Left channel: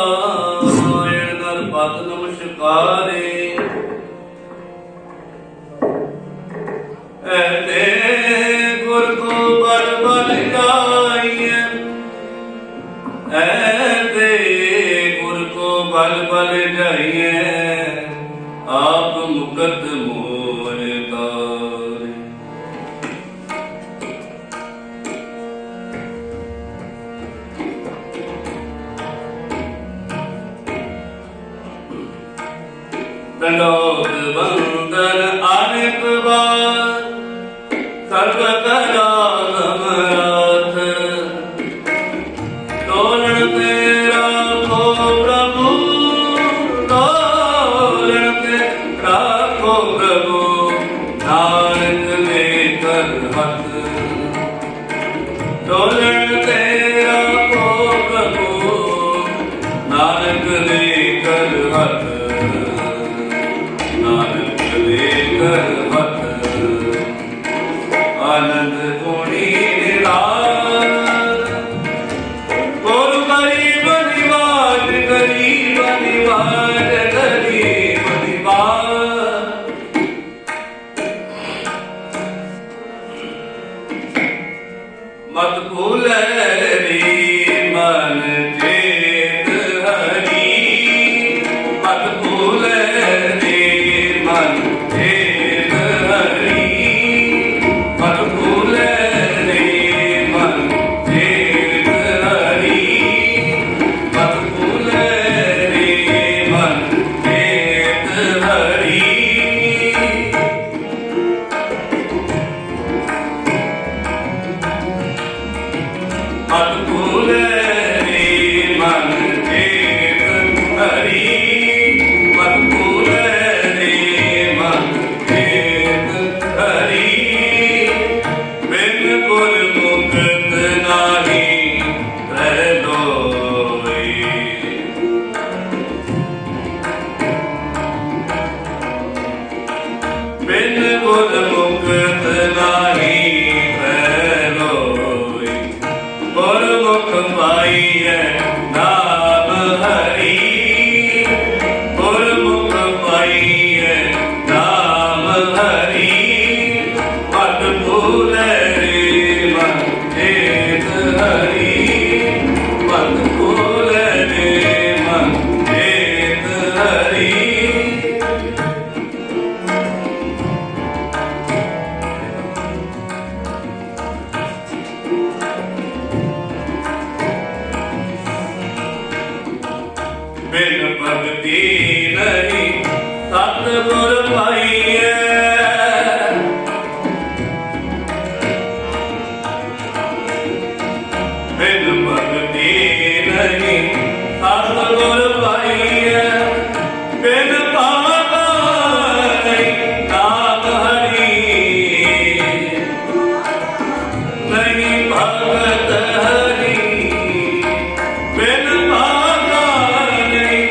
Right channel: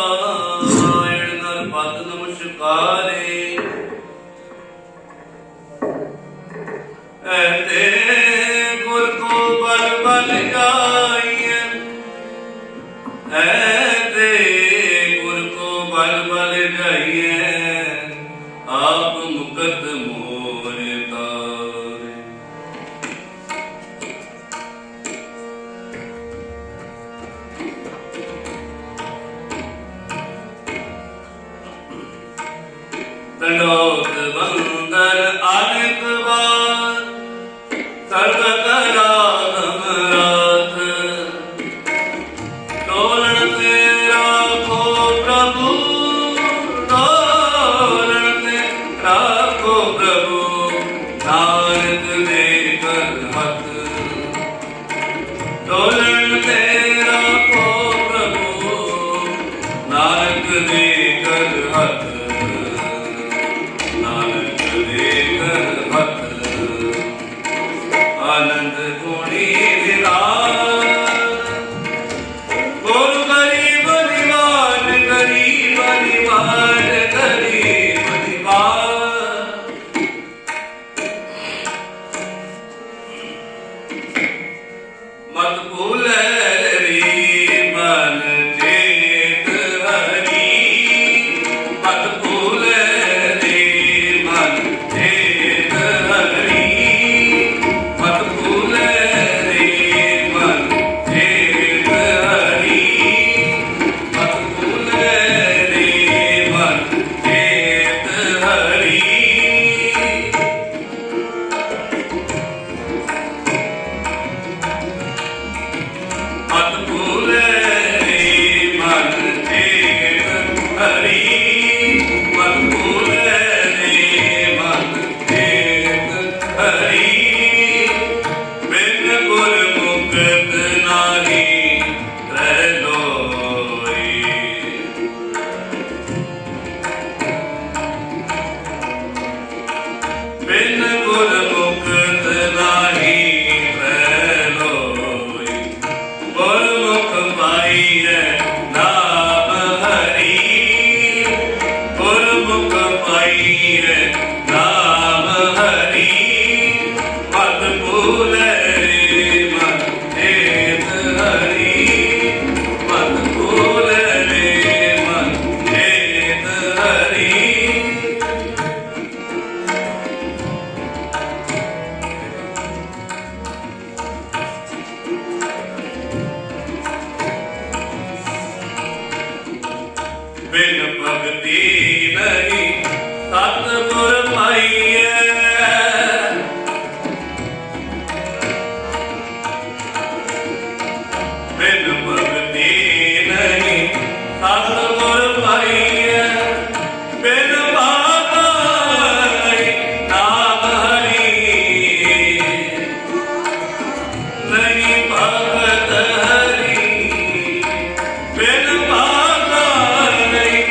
ਨਾਰਾਇਣ ਨਰ ਪਦ ਨਮਸਕਾਰੇ ਐਤੇ ਗੁਰ ਕੋ ਬਲ ਬਲ ਜਾਈਐ ਐਤੇ ਗੁਰ ਕੋ ਬਲ ਬਲ ਜਾਈਐ ਆਪ ਮੁਕਤ ਮੋਹ ਤਾਰੇ दंडोत बंदन अनेक बार सर्व कला समराथ डोलन तेरा को प्रभु डोलन तेरा को प्रभु नानक देकर हथ डोलन तेरा को प्रभु नानक देकर हथ नानक देकर हथ आनंद गुणी निराल गुरु गरीब निवाज गरीब निवाज गरीब निवाज मत भूले रे मन चेत हरि मत भूले बिन भगति नहीं सतगुर पाइए बिन भगति नहीं सतगुर पाइए बिन भागा नहीं नाम हरि नहीं भगत हरि बिन भागा नहीं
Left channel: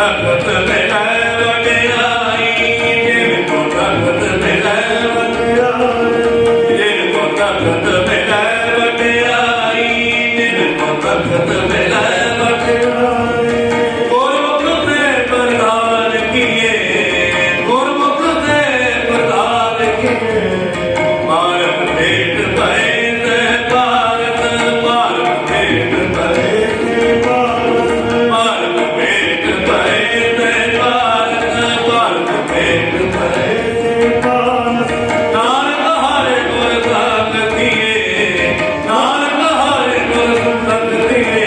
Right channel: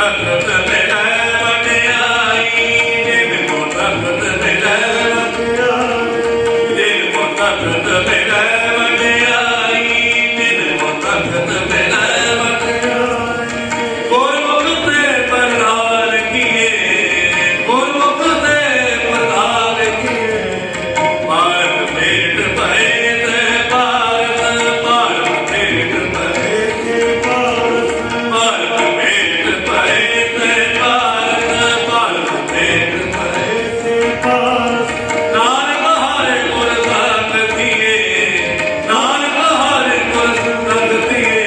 ਤਖਤ ਮਿਲੈ ਵਡਿਆਈ, ਜਿਨ ਕੋ ਤਖਤ ਮਿਲੈ ਵਡਿਆਈ, ਜਿਨ ਕੋ ਤਖਤ ਮਿਲੈ ਵਡਿਆਈ, ਜਿਨ ਕੋ ਤਖਤ ਮਿਲੈ ਵਡਿਆਈ। ਗੁਰਮੁਖ ਤੇ ਪ੍ਰਧਾਨ ਕੀਏ, ਗੁਰਮੁਖ ਤੇ ਪ੍ਰਧਾਨ ਕੀਏ, ਭਾਰਤ ਭੇਟ ਭਏ ਤੇ ਭਾਰਤ, ਭਾਰਤ ਭੇਟ ਭਏ ਤੇ ਭਾਰਤ, ਭਾਰਤ ਭੇਟ ਭਏ ਤੇ ਭਾਰਤ, ਭਾਰਤ ਭੇਟ ਭਏ ਤੇ ਭਾਰਤ। ਨਾਨਕ ਹਰਿ ਗੁਰ ਸੰਗ ਥੀਏ, ਨਾਨਕ ਹਰਿ ਗੁਰ ਸੰਗ ਥੀਏ,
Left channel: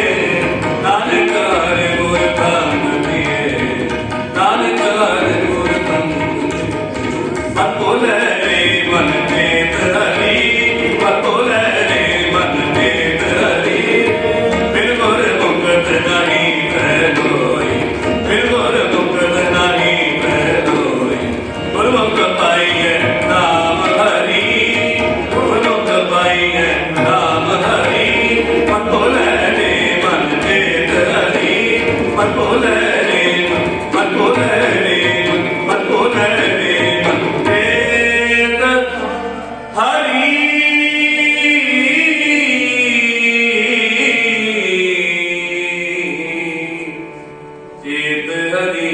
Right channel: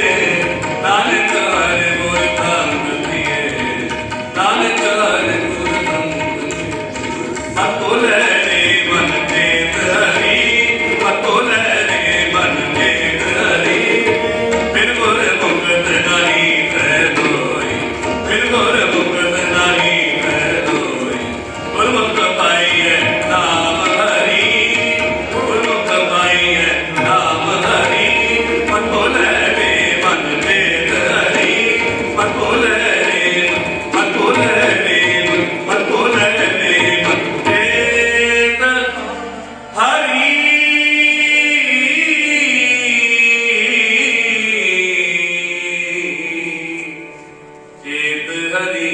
ਨਾਨਕ ਹਰਿ ਗੁਰ ਸੰਗ ਥੀਏ, ਨਾਨਕ ਹਰਿ ਗੁਰ ਸੰਗ ਥੀਏ। ਬਕੁਲੇ ਰੇ ਮਨ ਚੇਤ ਹਰੀ, ਬਕੁਲੇ ਰੇ ਮਨ ਚੇਤ ਹਰੀ, ਬਿਨ ਗੁਰ ਮੁਕਤ ਨਹੀਂ ਪੈ ਲੋਈ, ਬਿਨ ਗੁਰ ਮੁਕਤ ਨਹੀਂ ਪੈ ਲੋਈ। ਗੁਰਮੁਖ ਪਾਈਐ ਨਾਮ ਹਰੀ, ਗੁਰਮੁਖ ਪਾਈਐ ਨਾਮ ਹਰੀ, ਬਕੁਲੇ ਰੇ ਮਨ ਚੇਤ ਹਰੀ, ਬਕੁਲੇ ਰੇ ਬਕੁਲੇ ਰੇ ਬਕੁਲੇ ਰੇ ਮਨ ਚੇਤ ਹਰੀ। ਚੇਤ ਹਰੀ।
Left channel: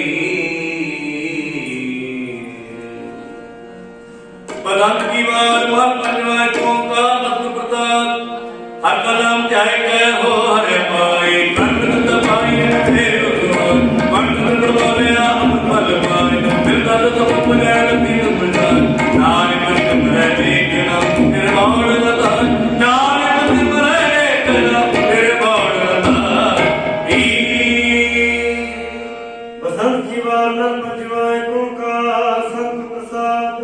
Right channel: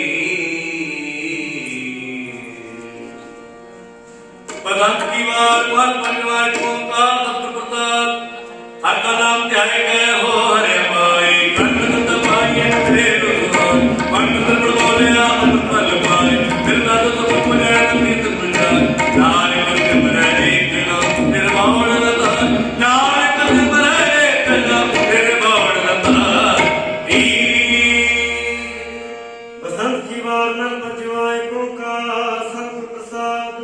ਬਲੰਦ ਕੀ ਵਾਰ ਮਨ ਪੰਜਵਾ ਓੰਕਾਰ ਸਤਿ ਪ੍ਰਸਾਦ। ਹਰ ਕਾ ਨਾਮ ਧਿਆਏ ਗਏ ਹੋ ਹਰਿ ਪਾਏ, ਕੰਨ ਪਾਈਏ ਫੇਰ ਉਸਮਾਨ, ਪੰਡਤ ਬੋਲਿਆ ਅੰਮ੍ਰਿਤ ਫਲ ਪਾਏ, ਮਿਲਦਾ ਸਭ ਪੁਜੈ ਤੀਤ ਪ੍ਰਸਾਦ। ਨਾਨਕ ਸਿਮਰੈ ਏਕ ਨਾਮ ਨਿਰਵਾਣ ਲਤਾ, ਨਾਨਕ ਸਿਮਰੈ ਏਕ ਨਾਮ ਨਿਰਵਾਣ ਲਤਾ। ਬਸੰਤ ਕੀ ਵਾਰ ਨਰ ਪੰਜਵਾ ਓੰਕਾਰ ਸਤਿ ਪ੍ਰਸਾਦ।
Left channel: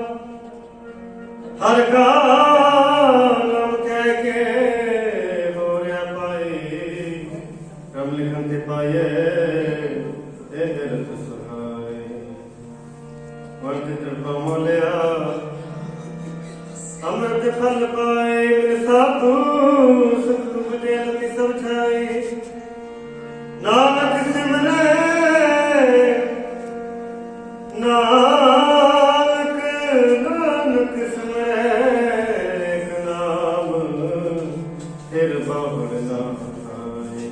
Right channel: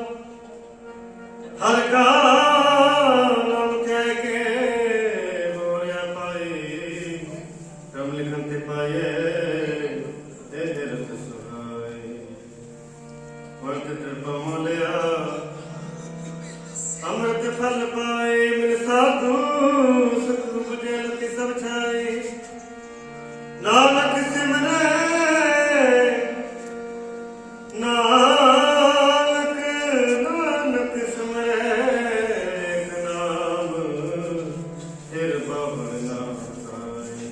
ਹਰ ਕਾ ਨਾਮ ਧਿਆਏ ਕੇ ਹੋਰਿਆ ਪਾਈ, ਰਮ ਲਿਖਨ ਤੇ ਪਾਏ ਇਹ ਰਤ ਸੁਹਾਈ। ਵਰਤ ਕਿਰਪਾ ਮੋਲਿਆ ਅੰਮ੍ਰਿਤ ਫਲ ਪਾਏ, ਮਿਲ ਸਾਧੂ ਸੁਖ ਬੁਝੇ ਲਤੀ ਸਭ ਛਾਈ। ਨਾਨਕ ਸਿਮਰੈ ਨਾਨਕ, ਨਾਨਕ ਸਿਮਰੈ ਏਕ ਨਾਮ, ਫਿਰ ਬਾਵੜ ਨਾ ਆਏ।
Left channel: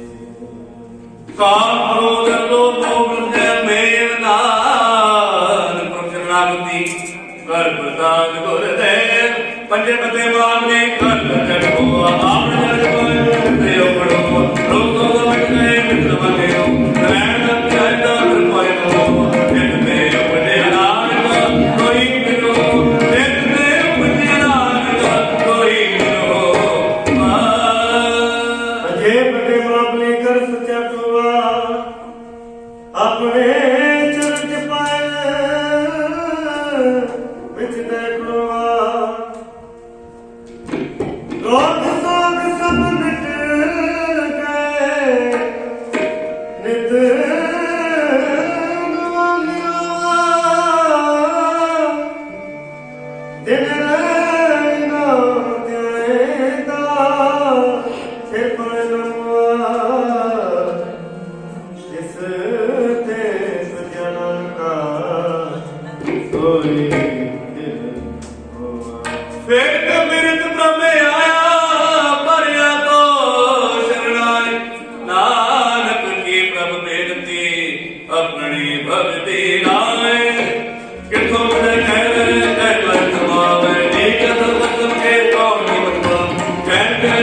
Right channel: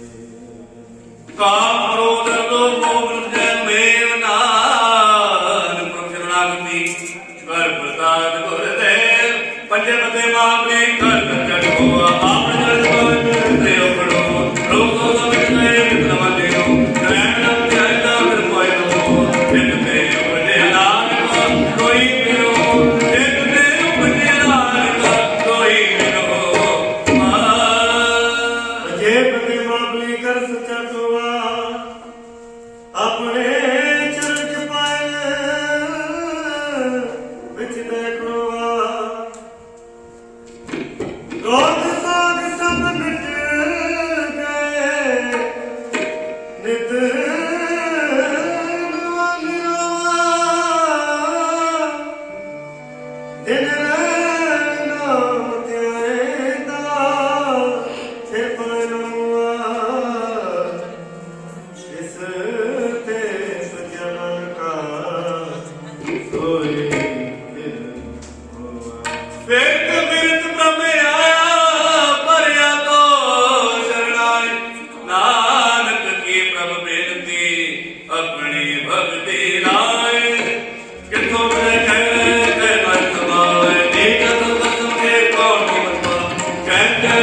ਕਾਮ ਕ੍ਰੋਧ ਲੋਭ ਮੋਹ ਜੈ ਮੇਰ ਨਾਨ, ਪ੍ਰਸ਼ਰਨਾਗਤੀ ਕਰ ਪ੍ਰਸਾਦ ਗੁਰਦੇਵ। ਪੰਜੇ ਪਤੇ ਮਾਮਲੇ ਕਰ ਜਗ ਹੋਆ, ਆਪ ਜਗ ਹੋਇ ਤੇ ਉਪੜੋ, ਰੋਗੋ ਸਮਝ ਗਏ ਮਿਤ ਮਤਿਓ, ਰਹਿਣ ਚਾਹੀਦਾ ਫਿਰ ਪਾਇ ਨੋ। ਜਿਤ ਤੇ ਉਪਜੇ ਨਾਨਕ ਕੋਈ ਮਿਲੋ, ਜਿਤ ਤੇ ਉਪਜੇ ਨਾਨਕ ਕੋਈ ਮਿਲੋ। ਅਜੇ ਬਦੇ ਮਾਮਲੇ ਕਰ ਸਚਾ ਟੋਆ, ਆਪਣੇ ਚਰਨ ਚ ਪਾਏ ਵਿੱਚ ਬੈਠੋਆ। ਰੋਗ ਸੋਗ ਸਭ ਮਿਟ ਗਏ, ਨਿਤ ਨਵਾ ਨਿਰਵਾ। ਦਿਨ ਰਹਿ ਨਾਮ ਧਿਆਏਂਦਾ, ਫਿਰ ਪੈ ਨਵਾ। ਇਸ ਤੇ ਸਜਣਨ ਕਾ ਸੋਈ ਦਿਲ ਹੋਆ। ਵੇਦ ਬਿਰਦ ਬ੍ਰਹਮੇ ਆਇਆ, ਭਰਿਆ ਤੋ ਸ਼ਰਨਾਈ। ਨਾਨਕ ਕੀ ਪ੍ਰਭ ਬੇਨਤੀ, ਆਪਣੀ ਭਗਤੀ ਰਾਏ। ਕਿਥੋਂ ਮਿਲੇ ਕਹਿ ਮਨ ਸਮਾਵੇ, ਨੀਕ ਸਤਿ ਕੇ ਕੌਣ ਕੀ ਬਤਵਾ। ਕਹਿ ਕਹਿ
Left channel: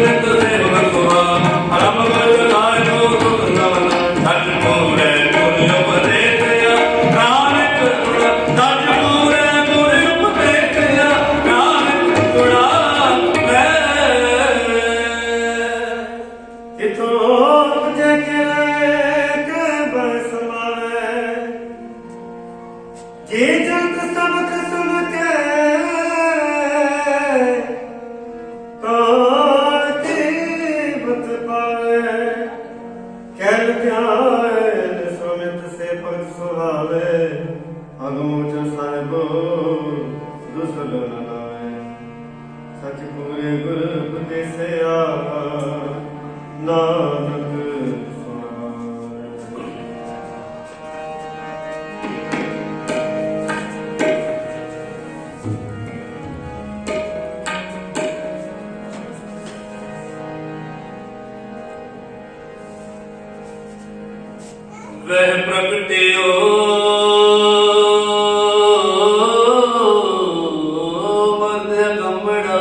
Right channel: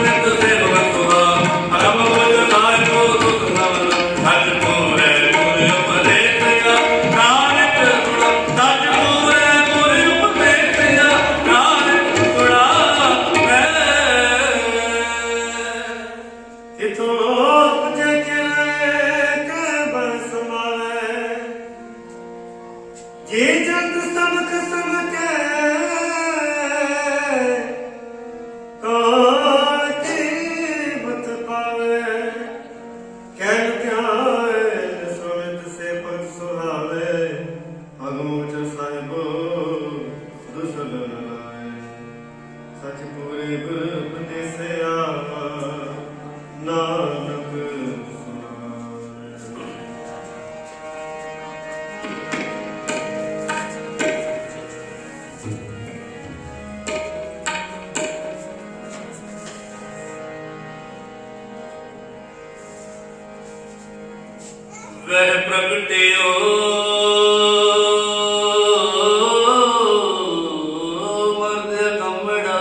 ਨਿਤ ਸੇਵਕ ਸੁਹਾ, ਹਰਮ ਬਲ ਲਾਇ ਕੋ ਸੁਖ ਨਵਨ। ਸੱਚ ਪੂਰੇ ਗੁਰ ਉਪਦੇਸਿਆ, ਨਾਨਕ ਸੁਣਾ। ਸੱਚ ਪੂਰੇ ਗੁਰ ਉਪਦੇਸਿਆ, ਨਾਨਕ ਸੁਣਾ ਮੈਂ। ਇਥੋਂ ਉਪਜੇ ਕਿਰੇ ਕਹਿ ਬਲ ਸਮਾਵੇ। ਜੇ ਜੰਤ ਸਮਕ ਸਮਕੈ, ਕਾਲ ਕੀ ਬਤ ਪਾਵੇ। ਕਹਿ ਧਿਆਏ ਸੁਮਿਤ ਸੇ ਭਗਤ ਸੁਹਾਵੇ। ਅਗਮੋਚ ਸਾਹਿਬੋ ਦੁਸਲ ਨ ਲਾਏ, ਸਚ ਪੂਰੇ ਗੁਰ ਉਪਦੇਸਿਆ, ਨਾਨਕ ਸੁਣਾਏ। ਪ੍ਰਗਟਿਓ ਮਰਦ ਕੰਮੜਾ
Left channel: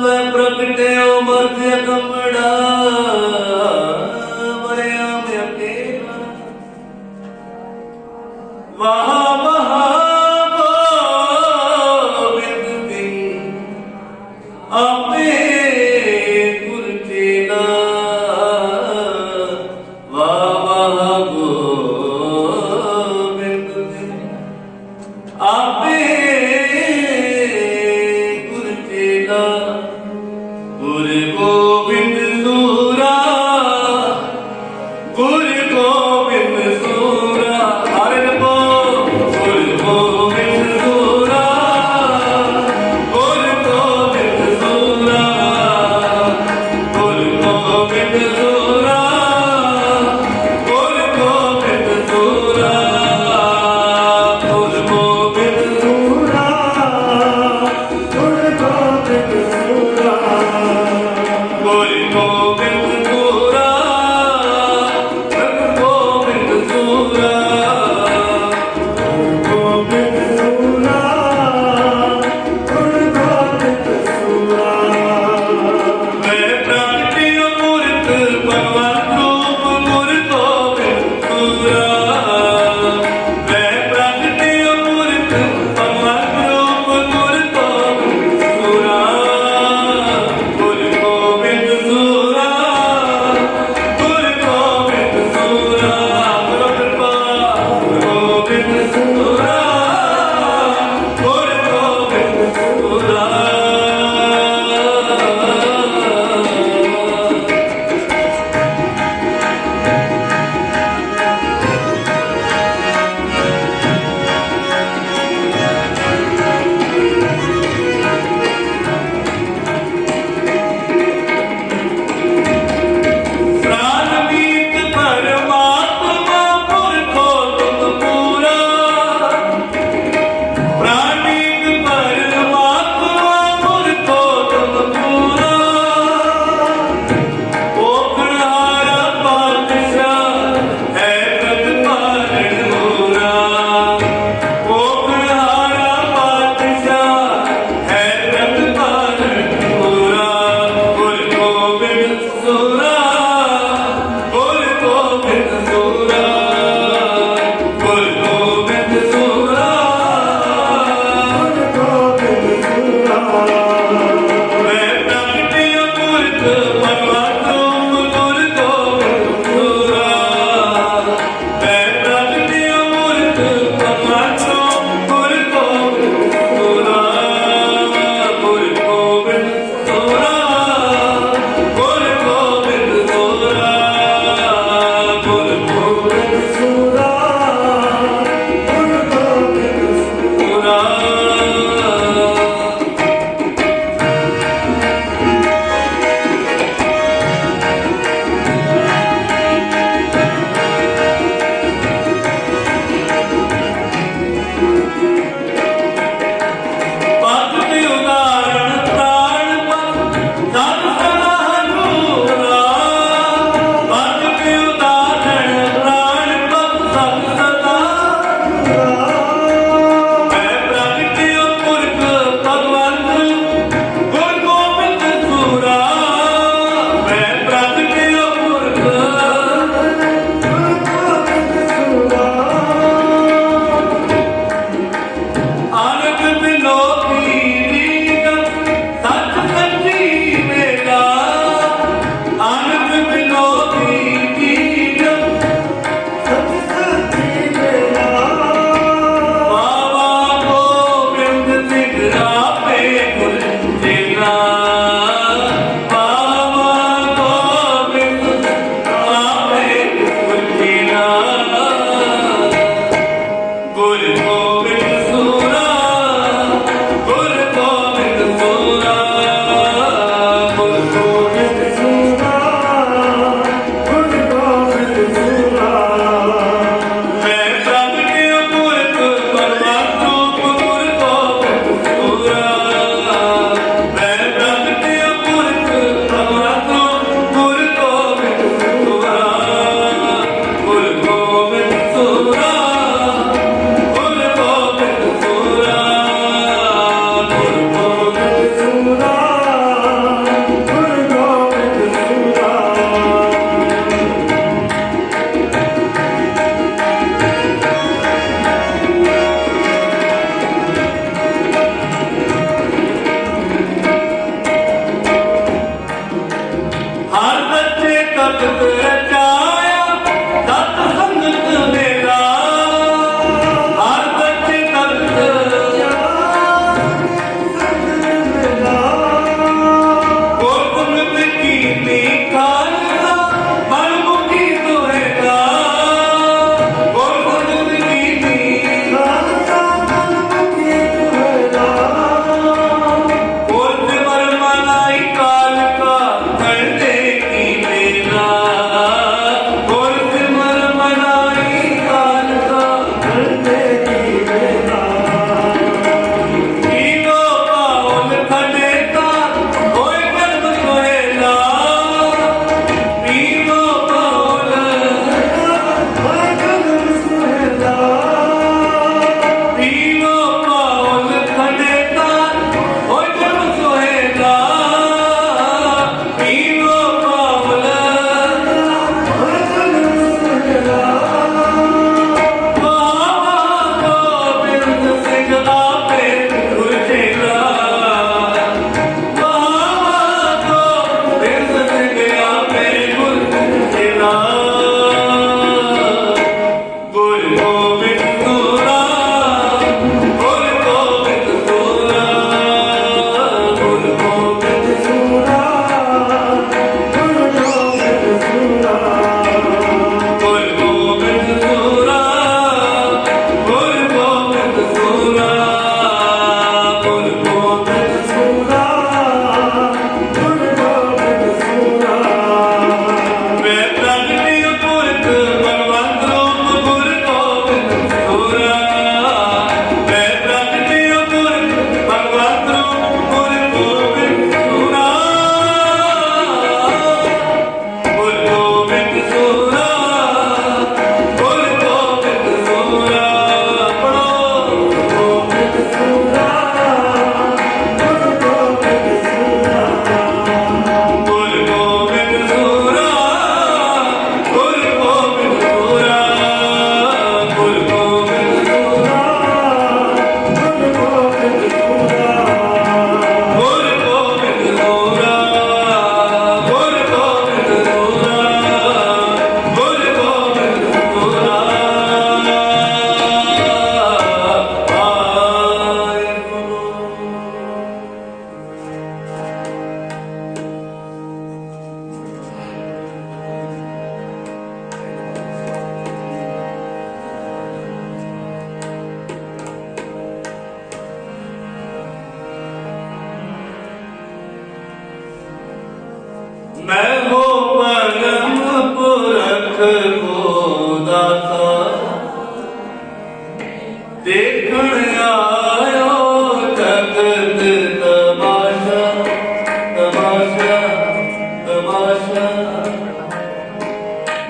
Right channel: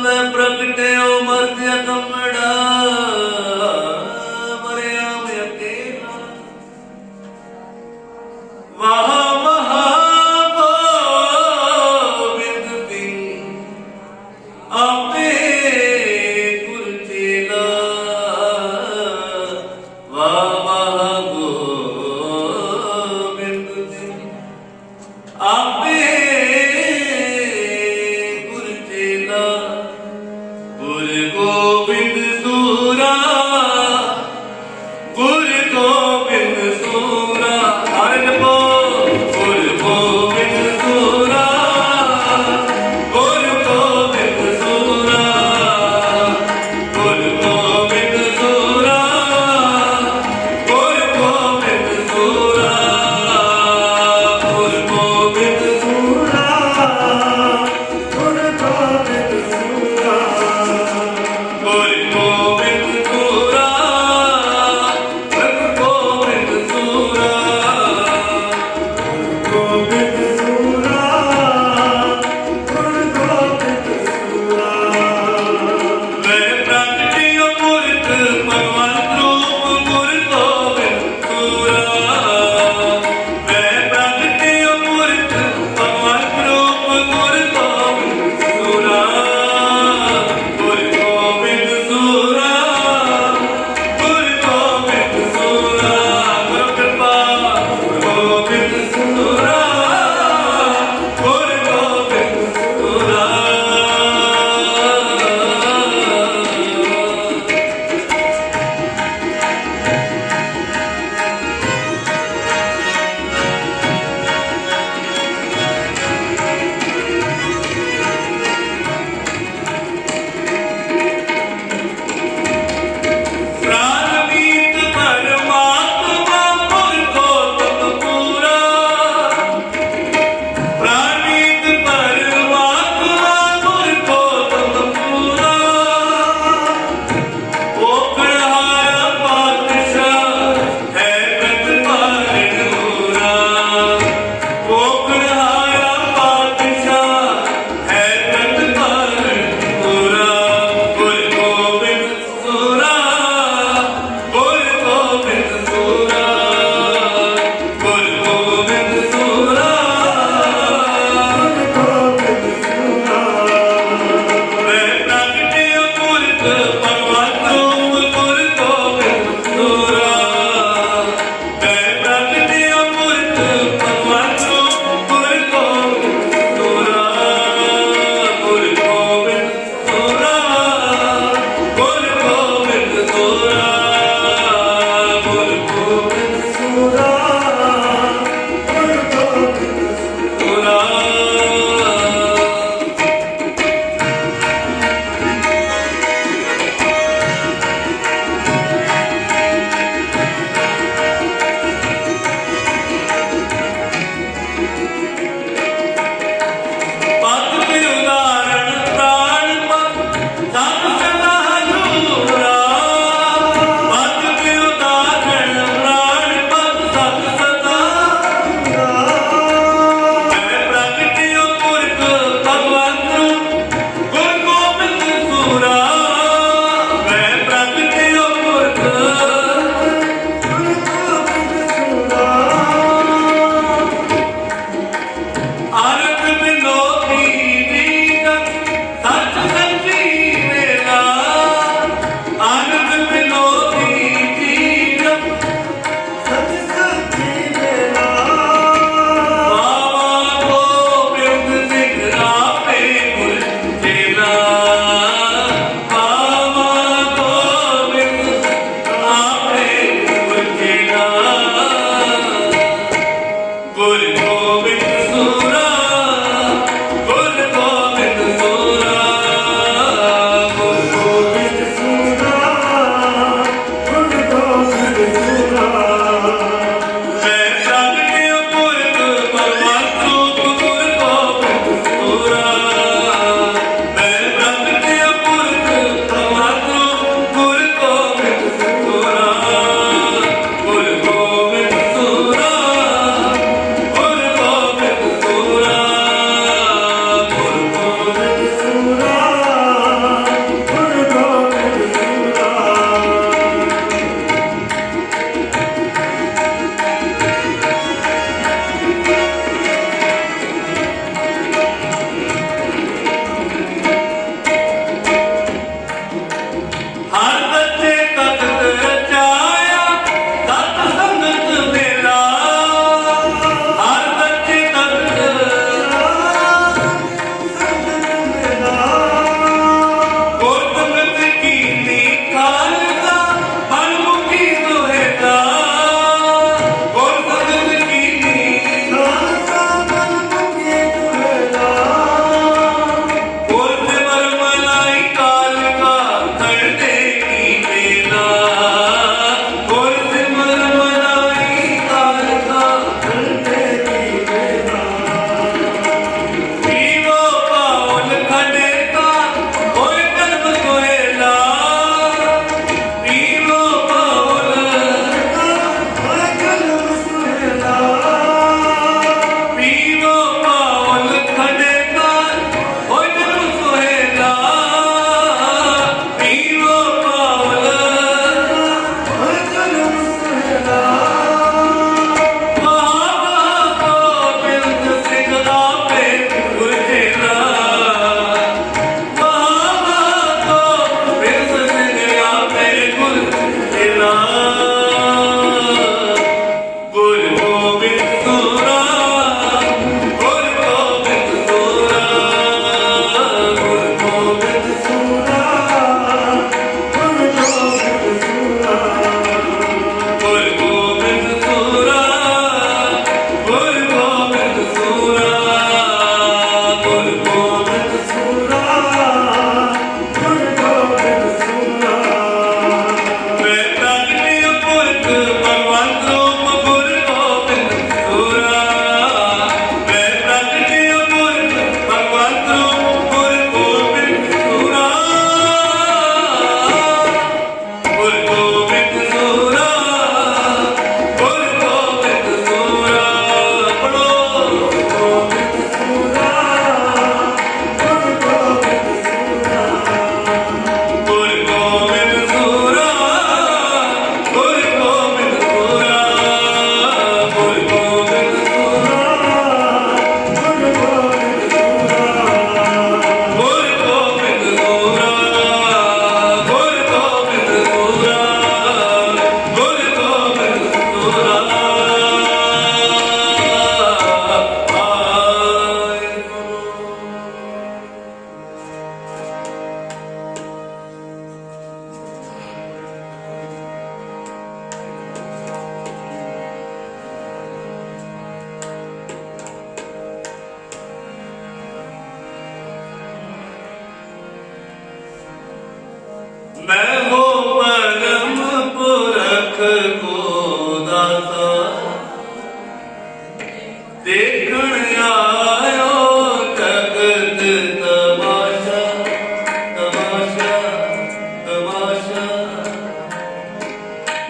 ਮੈਂ ਪ੍ਰਗਟਿਓ ਮਰਦ ਕੰਮੜਾ ਮਰਿਆ ਮੈਂ ਅਕੇਲਾ ਵਾਹ ਵਾਹ ਗੋਬਿੰਦ ਦੀ ਆਪੇ ਗੁਰ ਚੇਲਾ ਵਾਹ ਵਾਹ ਗੋਬਿੰਦ ਦੀ ਆਪੇ ਗੁਰ ਚੇਲਾ ਗੁਰ ਗੋਬਿੰਦ ਸੂਰਾ ਗੁਰ ਗੋਬਿੰਦ ਸੂਰਾ ਹਰਿ ਜਪੋ ਗੁਰ ਗੋਬਿੰਦ ਸੂਰਾ ਗੁਰ ਗੋਬਿੰਦ ਸੂਰਾ ਗੁਰ ਗੋਬਿੰਦ ਸੂਰਾ ਗੁਰ ਗੋਬਿੰਦ ਸੂਰਾ ਗੁਰ ਗੋਬਿੰਦ ਸੂਰਾ ਗੁਰ ਗੋਬਿੰਦ ਸੂਰਾ ਗੁਰ ਗੋਬਿੰਦ ਸੂਰਾ ਗੁਰ ਗੋਬਿੰਦ ਸੂਰਾ ਗੋਬਿੰਦ ਸੂਰਾ ਗੁਰ ਗੋਬਿੰਦ ਸੂਰਾ ਮੈਂ ਪ੍ਰਗਟਿਓ ਮੂਰਤ ਭਗਵੰਤ ਰੂਪ ਗੁਰ ਗੋਬਿੰਦ ਸੂਰਾ ਮੈਂ ਪ੍ਰਗਟਿਓ ਮੂਰਤ ਭਗਵੰਤ ਰੂਪ ਗੁਰ ਗੋਬਿੰਦ ਸੂਰਾ ਗੁਰ ਗੋਬਿੰਦ ਸੂਰਾ ਗੁਰ ਗੋਬਿੰਦ ਸੂਰਾ ਗੁਰੂ ਕਿਰਪਾ ਗੁਰ ਗੋਬਿੰਦ ਸੂਰਾ ਗੁਰ ਗੋਬਿੰਦ ਸੂਰਾ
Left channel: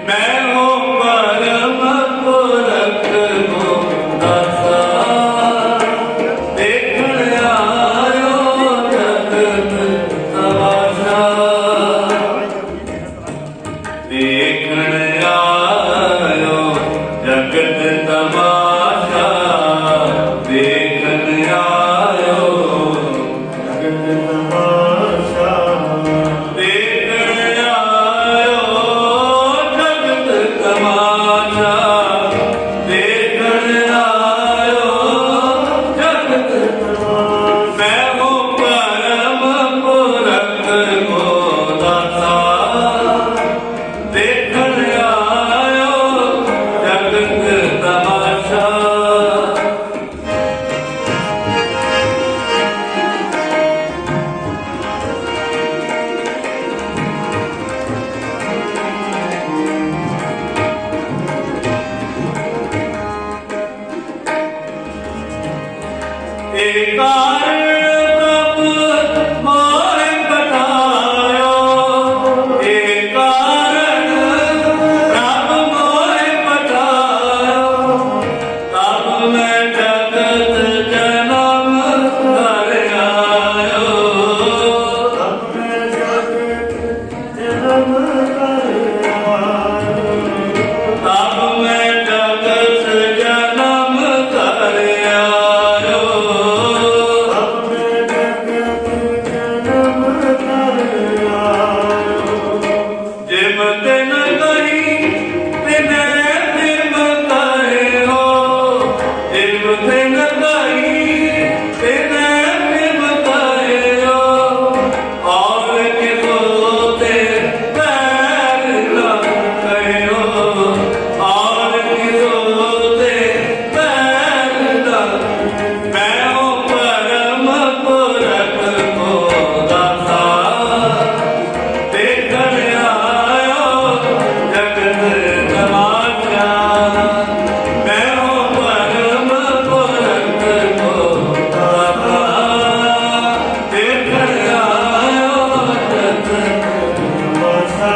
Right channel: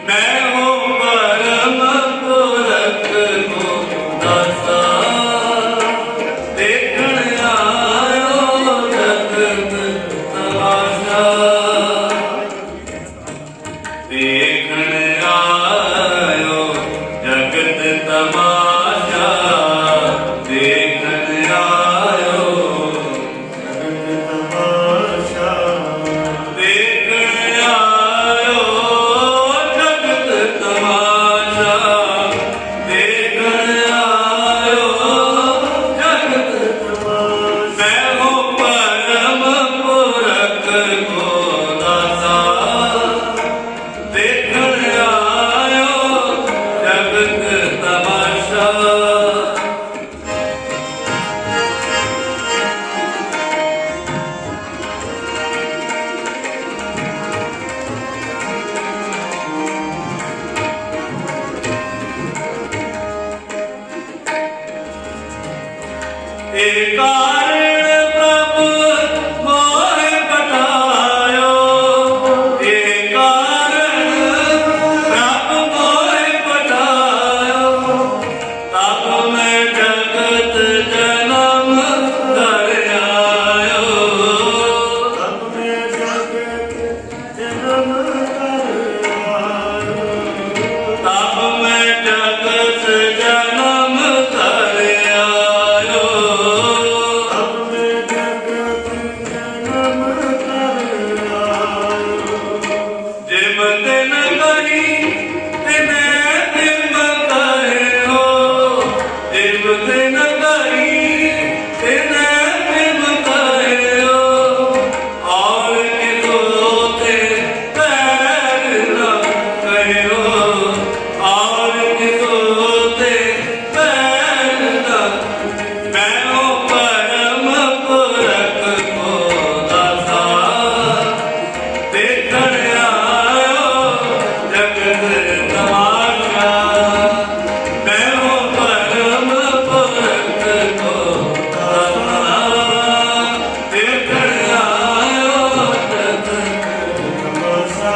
मैं हो परम पुरख को दासा देखण आयो जगत तमाशा देखण आयो जगत तमाशा देखण आयो जगत तमाशा देखण आयो जगत तमाशा देखण आयो जगत मैं हो परम पुरख को दासा देखण आयो जगत तमाशा एक कारण प्रभु मोहे पठायो एक कारण प्रभु मोहे पठायो तब मैं जगत जन्म धर आयो तब मैं जगत जन्म कर आयो तब मैं जगत जन्म धर आयो तब मैं जगत जन्म कर आयो जिम दिन कही तिने तिम कहे हो जिम दिन कही तिने तिम कहे हो और किसोते पैर न कहे हो और किसोते पैर न मैं हो परम पुरख को दासा देखण आयो जगत तमाशा मैं हो परम पुरख को दासा देखण आयो जगत तमाशा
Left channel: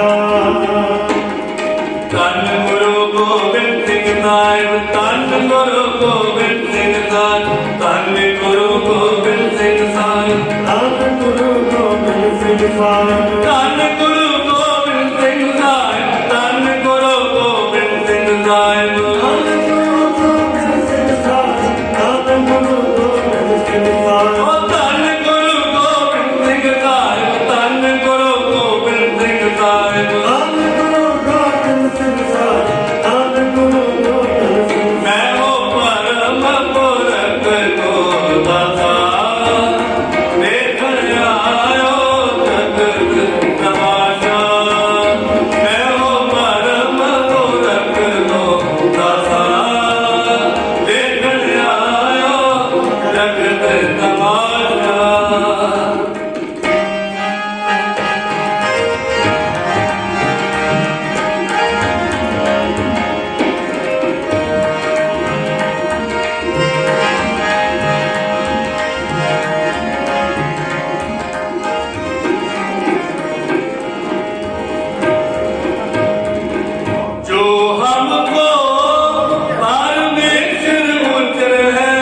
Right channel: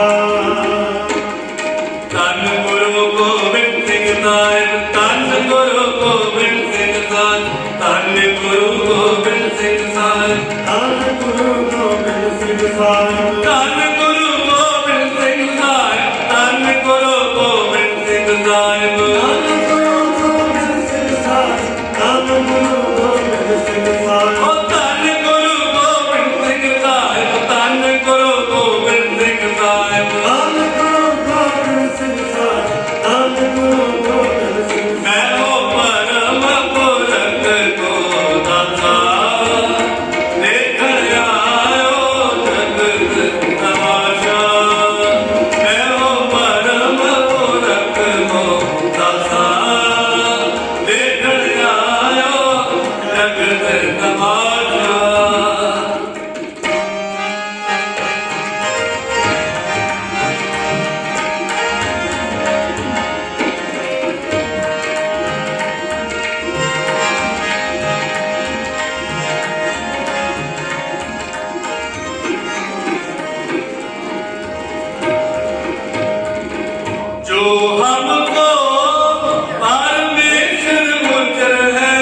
धन गुरु गोबिंद सिंह साहिब धन गुरु गोबिंद सिंह साहिब धन गुरु गोबिंद सिंह साहिब धन गुरु गोबिंद सिंह साहिब धन गुरु गोबिंद सिंह साहिब धन गुरु गोबिंद सिंह साहिब धन गुरु गोबिंद सिंह साहिब धन गुरु गोबिंद सिंह साहिब ओ धन गुरु गोबिंद सिंह साहिब धन गुरु गोबिंद सिंह साहिब धन गुरु गोबिंद सिंह साहिब धन गुरु गोबिंद सिंह मैं हो परम पुरख को दाता देखण आयो जगत तमाशा मैं हो परम पुरख को दाता देखण आयो जगत तमाशा जो हमको परमेश्वर उतर है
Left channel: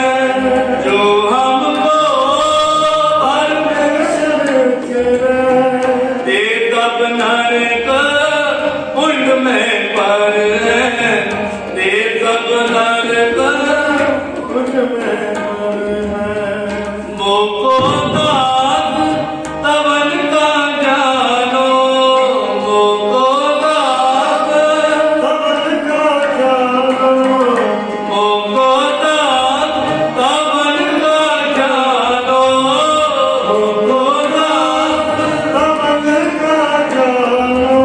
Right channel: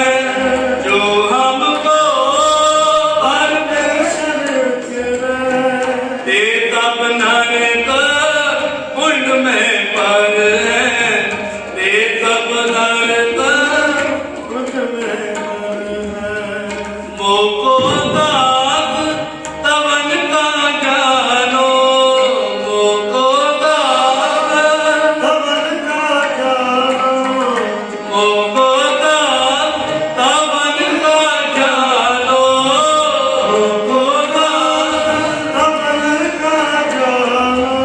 जो हमको परमेश्वर ते तब नरक कुंड में पर है ते तब नरक कुछ में मोको दास तवन का जानो मोको दास तवन का जानो मोको दास तवन का जानो मोको दास तवन का जानो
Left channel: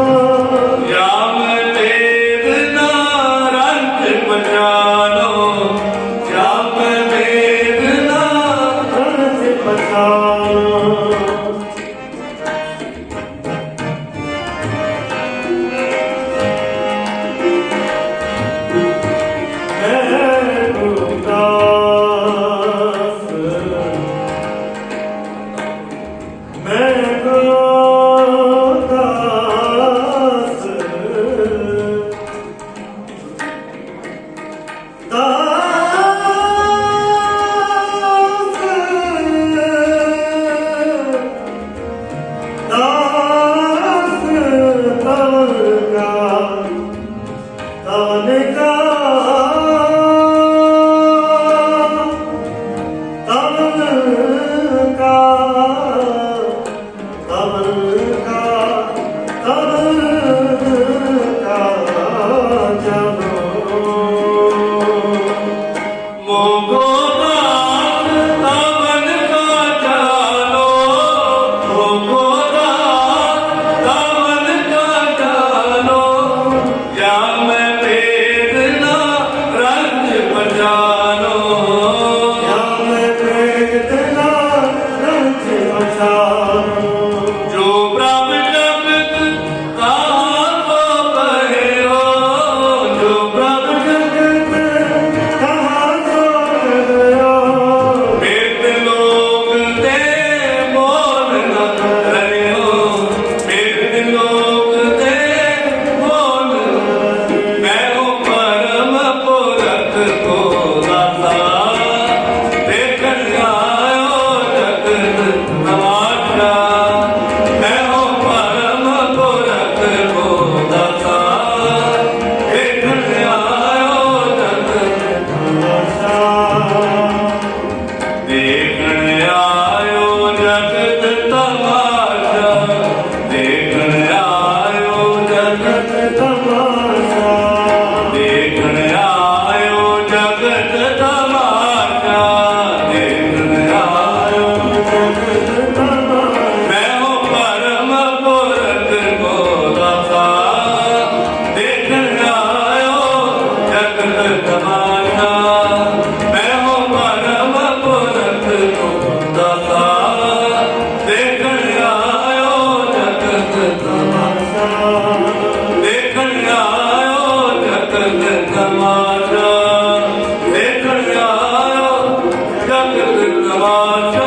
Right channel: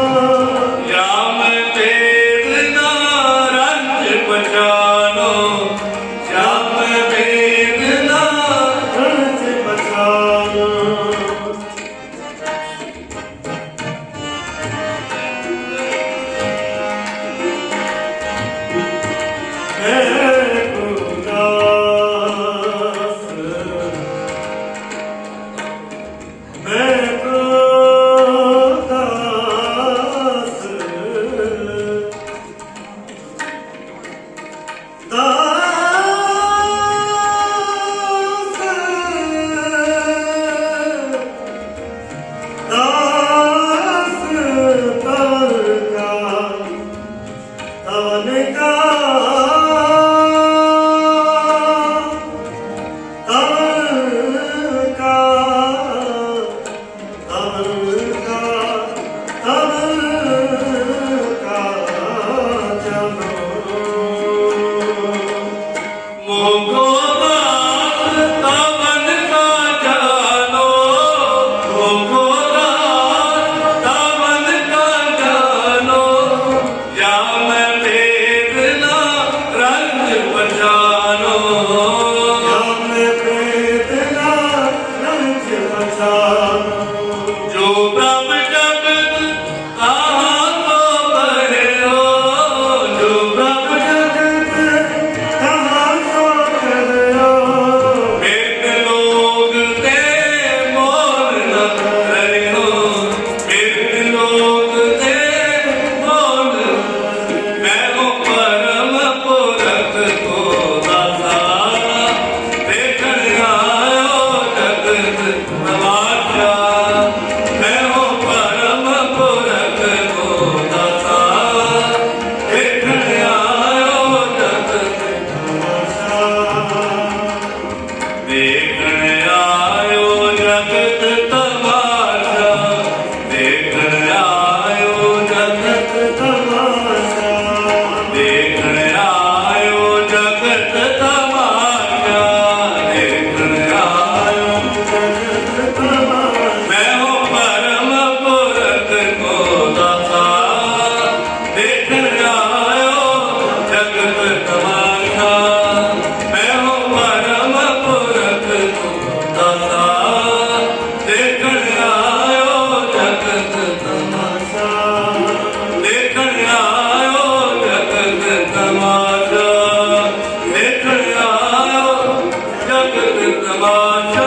राम देव ना ਤਮਾਸ਼ਾ ਦੇਖਣ ਆਇਓ ਜਗਤ ਤਮਾਸ਼ਾ, ਦੇਖਣ ਆਇਓ ਜਗਤ ਤਮਾਸ਼ਾ ਮੈਂ ਹੋ ਪਰਮ ਪੁਰਖ ਕੋ ਦਾਤਾ, ਦੇਖਣ ਆਇਓ ਜਗਤ ਤਮਾਸ਼ਾ, ਮੈਂ ਹੋ ਪਰਮ ਪੁਰਖ ਕੋ ਦਾਤਾ, ਦੇਖਣ ਆਇਓ ਜਗਤ ਤਮਾਸ਼ਾ, ਦੇਖਣ ਆਇਓ ਜਗਤ ਤਮਾਸ਼ਾ, ਦੇਖਣ ਆਇਓ ਜਗਤ ਤਮਾਸ਼ਾ।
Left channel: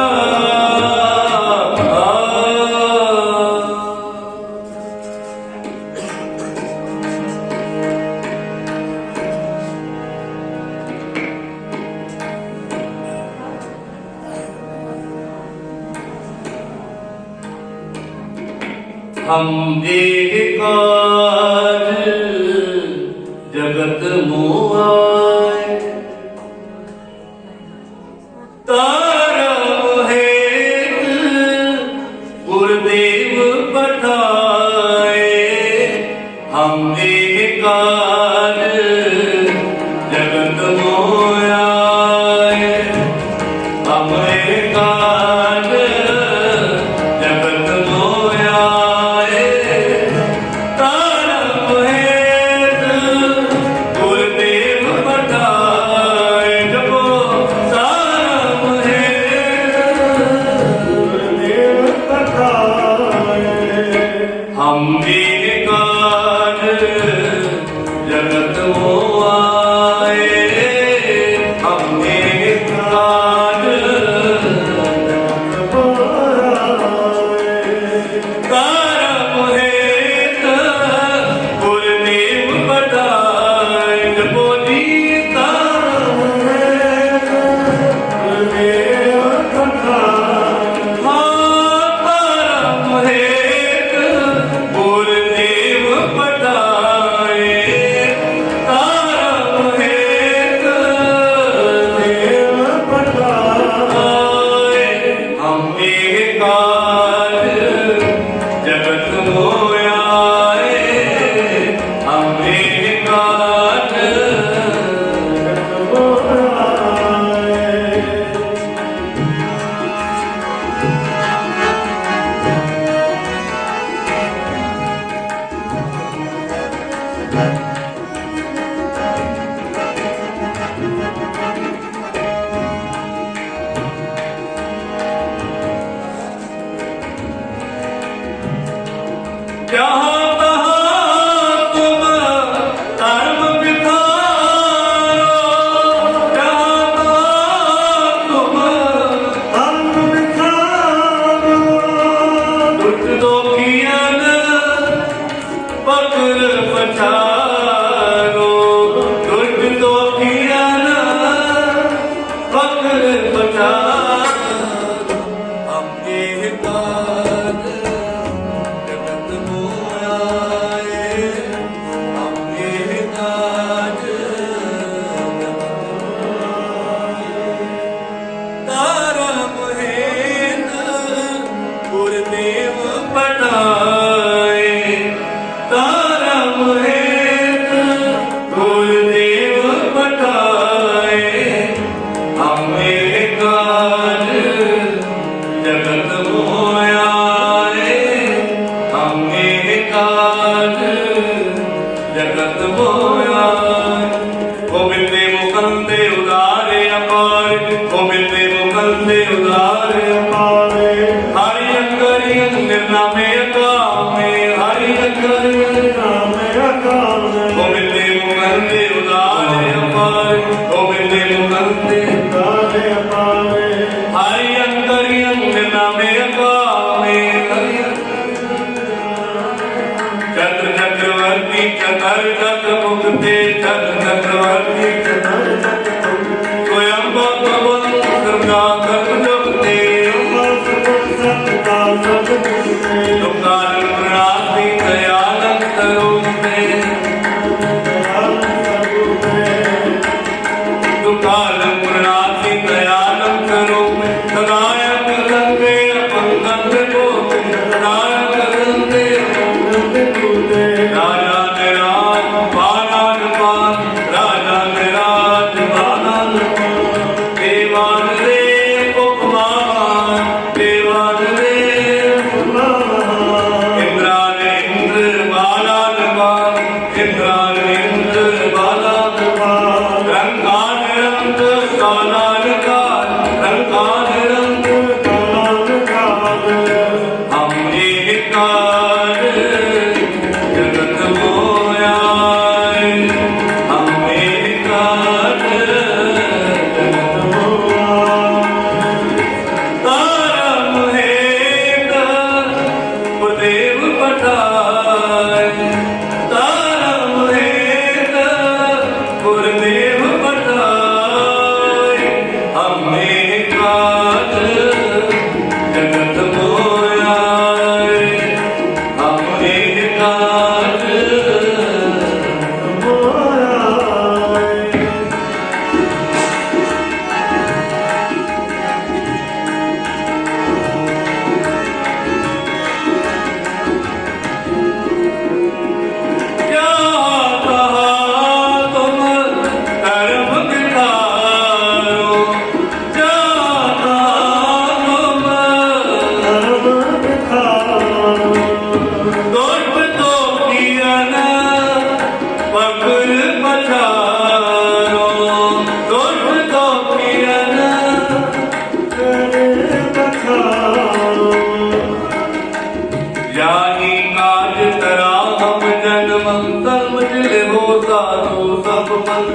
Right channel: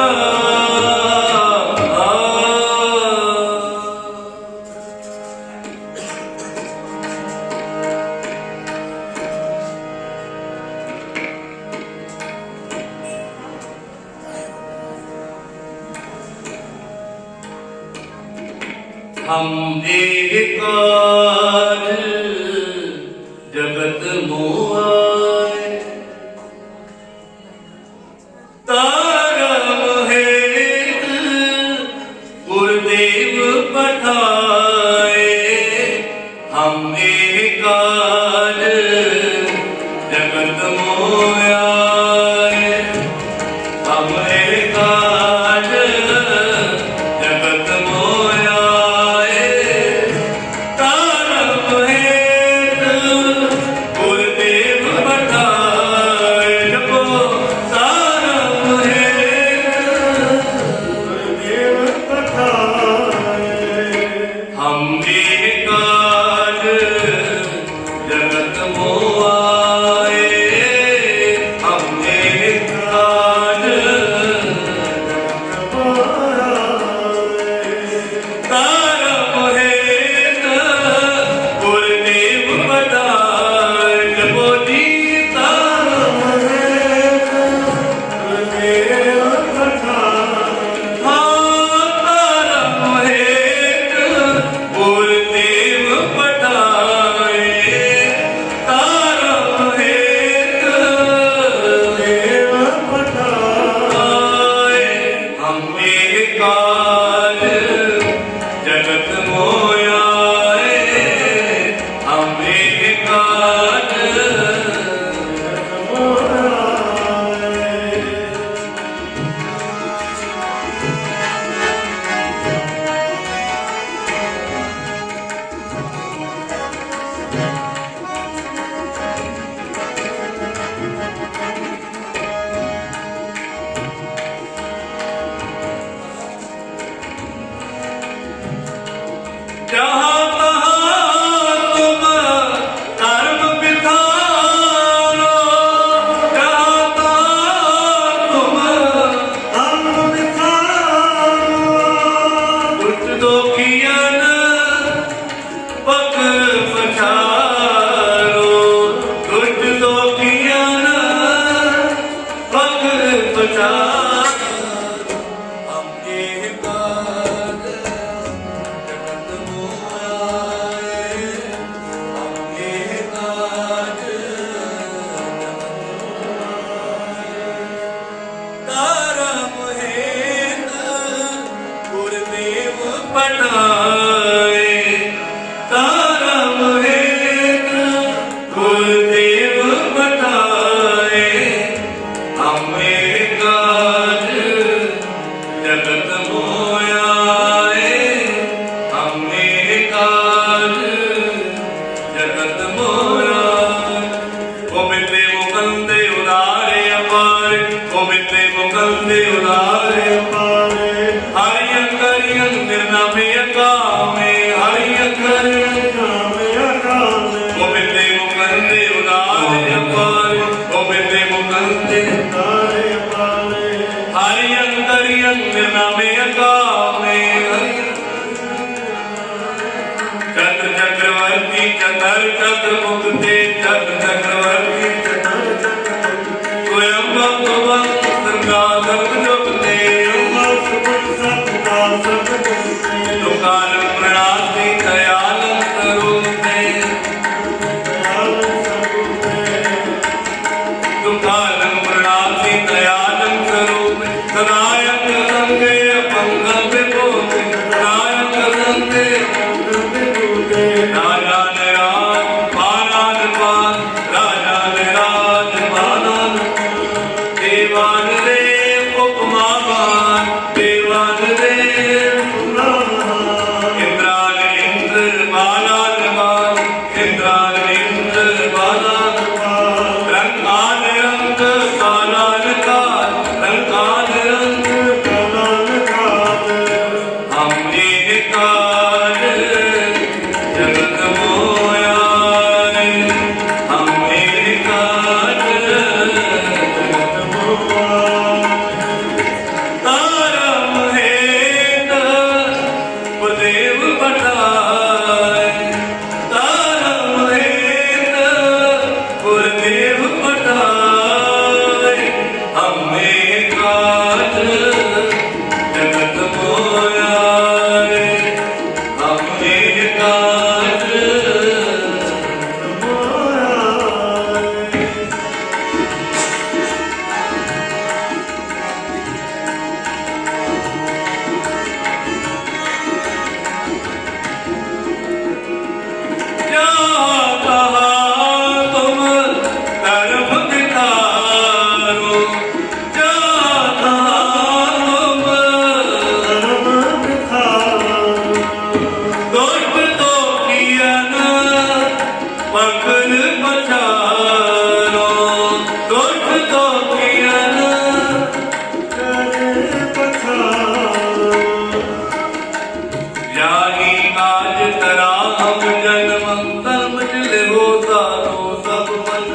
हम एक काज जगत मोहाय, तारम हेत गुरुदेव पठाए, हम एक काज जगत मोहाय, हम एक काज जगत मोहाय, तारम हेत गुरुदेव पठाए, जपो तारम हेत ਦੇਵ ਪਠਾਏ हम एक काज जगत मोहाय, हम एक काज तारम हेत गुरुदेव पठाए, जपो जी तारम ਦੇਵ ਪਠਾਏ हाँ तारम हेत गुरुदेव पठाए, तारम हेत ਦੇਵ ਪਠਾਏ हम एक काज जगत मोहाय, हम एक काज जहाँ तहाँ तुम धर्म बिठारो, जहाँ तहाँ तुम ਅੰਨ ਵਿਖਾਰੋ दुष्ट दोखियन पकड़ पछारो, दुष्ट दोखियन पकड़ पछारो, हम एक काज जगत मोहाय, हम एक काज जगत मोहाय, तारम हेत गुरुदेव पठाए, तारम हेत गुरुदेव पठाए, हम एक काज जगत मोहाय, हम एक काज जगत मोहाय, गोविंदे मुकंदे उदारे अपार, गोविंदे मुकंदे उदारे ਪਾਰੇ हरि अंकरियं निर्नामे अकामे, हरि अंकरियं ਨਾਮੇ ਅਕਾਲ गोविंदे मुकंदे उदारे अपार, गोविंदे मुकंदे ਤਾਰੇ ਪਾਰੇ हरि अंकरियं निर्नामे अकामे, हरि चक्र चक्रवर्ती चतर चक्र मुक्ते चक्र चक्रवर्ती स्वयं भगवान दुर्गा धर्म जुगते, दुकालं प्रणाति दयालं तरुते, दुकालं प्रणाति दयालं तरुते, सदायक संगे अपंगं विभूते, सदायक संगे राजा निरा इंद्र बाला रंग आदि रंग काला लगा रंग आदि रंग हम एक काज जगत मोया हम एक काज जगत मोया तारा महेंद्र देव पठाए तारा महेंद्र गुरुदेव पठाए हमें काज जगत मोया हमें काज जगत मोया क्या कहा तुम कर्म दिखारो क्या कहा तुम दोष तो किया न पकड़ पछारो दोष तो किया न यानी काज तरा हम जन्म कर्म जिल हो सारो सब मन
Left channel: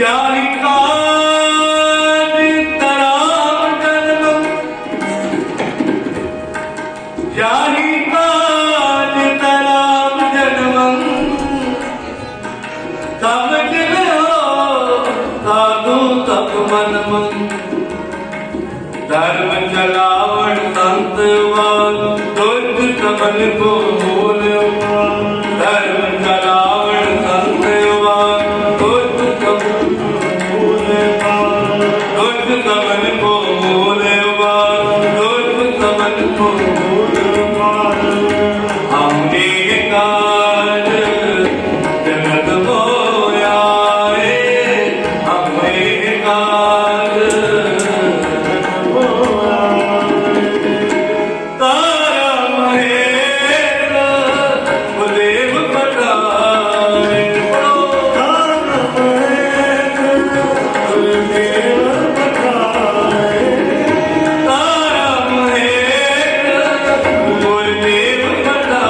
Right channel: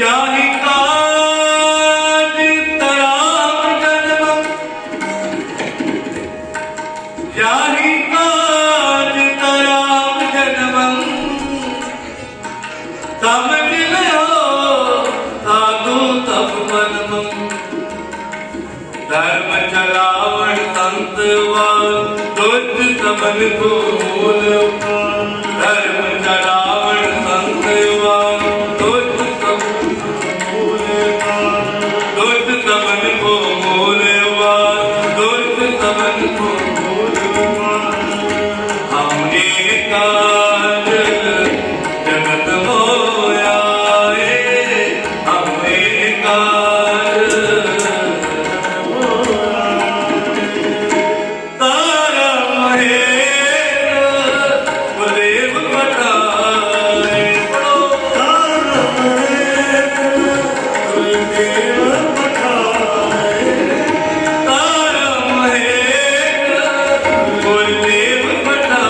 यानी काज तरा हम जन्म यानी काज तरा हम जन्म समझ लो साधु सब मन धर्म चलावण संतवान दुष्ट सबन को मूल धर्म चलावण संतवान दुष्ट सबन को मूल दुष्ट सबन को मूलवान दुष्ट सबन को मूलवान हमने काज जगत मोया हमने काज तारा महेंद्र गुरुदेव पठाए तारा महेंद्र गुरुदेव पठाए तारा महेंद्र गुरुदेव पठाए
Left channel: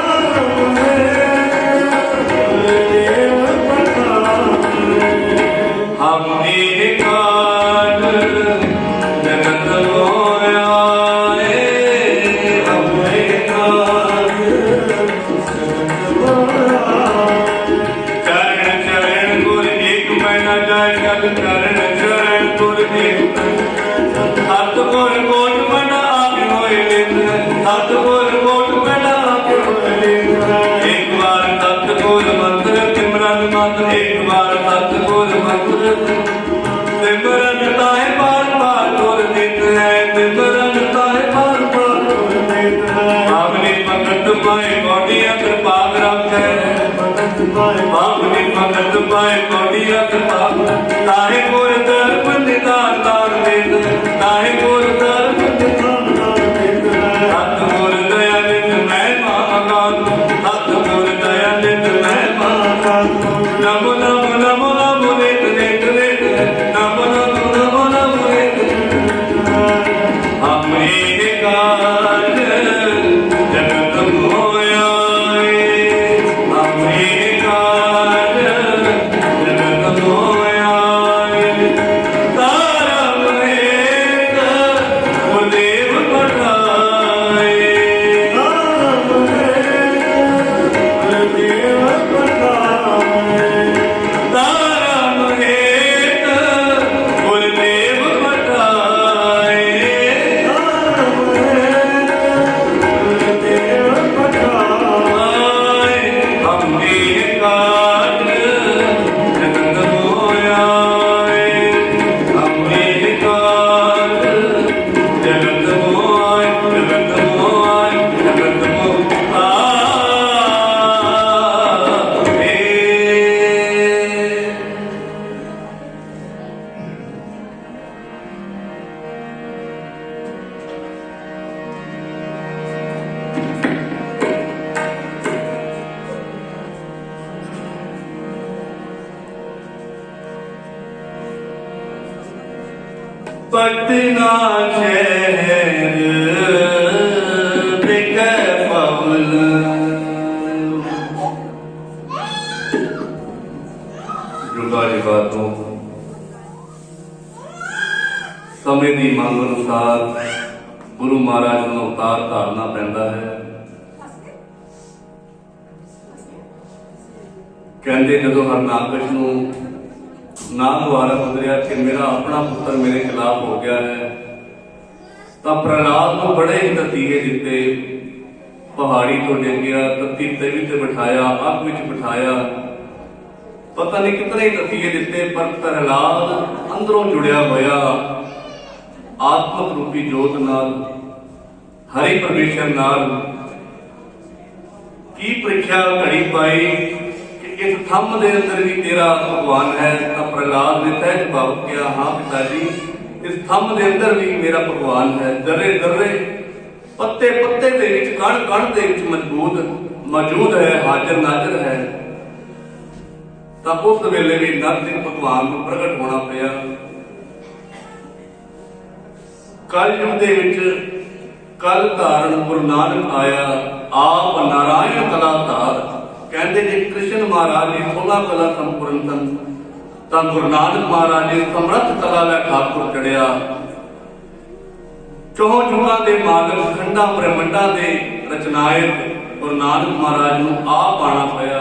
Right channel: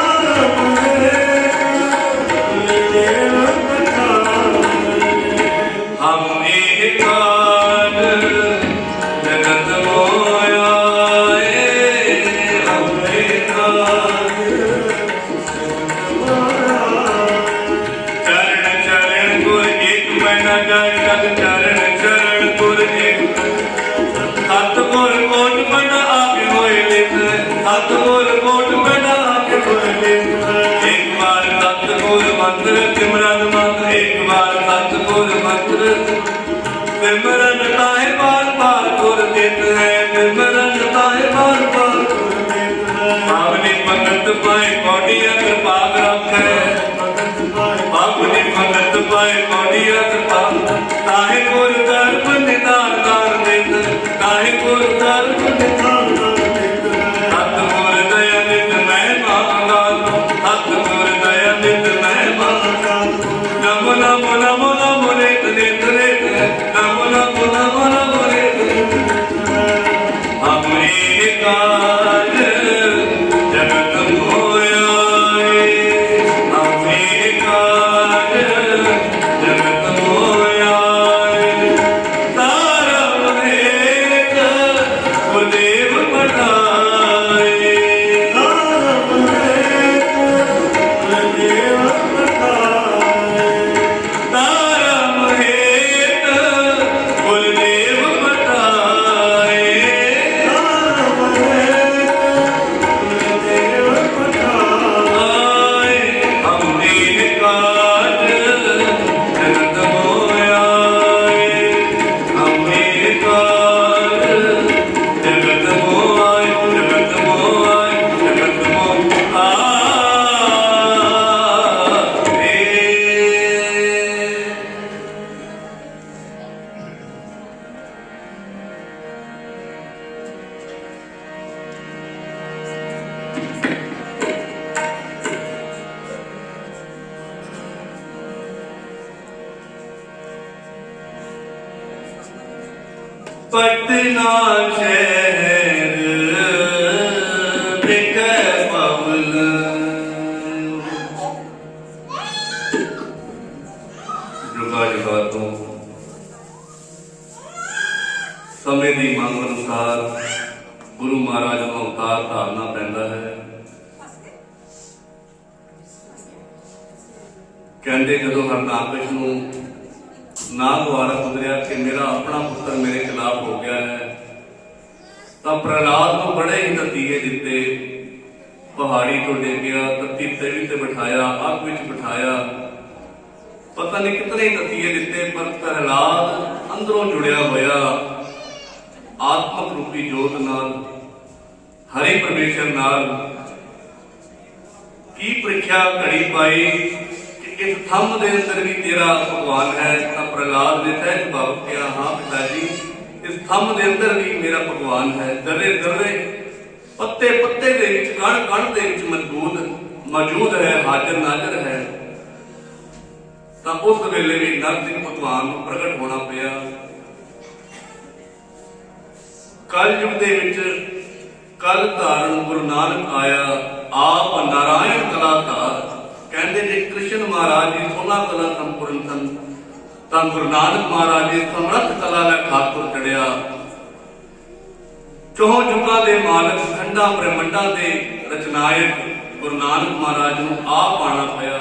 तारा महेंद्र गुरुदेव पठाए हम एक काज जगत मोया हम एक काज जगत मोया चरण चरण गुर एक मना जाय जग चरण चरण गुर एक सतगुर कोट मना आगे होए लित सतगुर कोट मना आगे होए लित एक बार सतगुर मंत्र सिमरन मंत्र एक बार सतगुर मंत्र सिमरन ताहे बार बार गुर देत है सिमरन ताहे बार बार गुर देत है भावनी भगत पाए कौटिया कृपा रखे भावनी भगत पाए कौटिया कृपा ताहे गुर दर्प निदान दान देत ताहे गुर दर्प निदान दान देत सतगुर दया नित मैं मांगा सतगुर दया नित मैं मांगा नमो नमो नमो नमो रेत रेत रेत नमो नमो नमो नमो रेत हम एक काज जगत मोया हम एक काज जगत मोया तारा महेंद्र पटना शहर बिकै पवल। जुगा जुगा तो समय की मंग अनुसार गुरु महाराज ਨੂੰ अवतार धारना पैंदा है। कहते जदों हरनाकश ਨੂੰ ना द्वारा गुजरिया कि मेरा अपना पुत्र मेरे खिलाफ हो गया है, तो प्रहलाद को बड़े ही नतीजे दिते। पहाड़ी तो डिंगिया, तत्ती तवी ते बिठाया, अग विच बिठाया, पता नहीं कितने ही नतीजे दिते। पर प्रहलाद अंदरों जुड़िया होया आत्मक रूपी जोत नाल, हरि परमेश्वर नाल की परीक्षा घड़ी पाई कि इस थम दे अंदर भी तेरा भगवान है। तो प्रहलाद ने सहज भाव किया, हाँ पिताजी इस थम दे अंदर भी मेरा भगवान है। दर्रे दर्रे पत्ते पत्ते दे विच कण कण दे विच मौजूद है, हाजिर नाजर है। तो उस वेले भी नरसिंह भगवान को प्रगट होना पिया। कल युग दे विच कल धारण गुरु नानक आया, आप नारायण कला धार। कहते जे कृष्ण महाराज जी 16 कला संपूर्ण सन, तो गुरु नानक महाराज जी समर्थ कला लै खातुर चढ़िया। चौह युगां दे मालक, खंडा ब्रह्मंडा दे रचनायक गुरु नानक महाराज नूं आप आना पिया।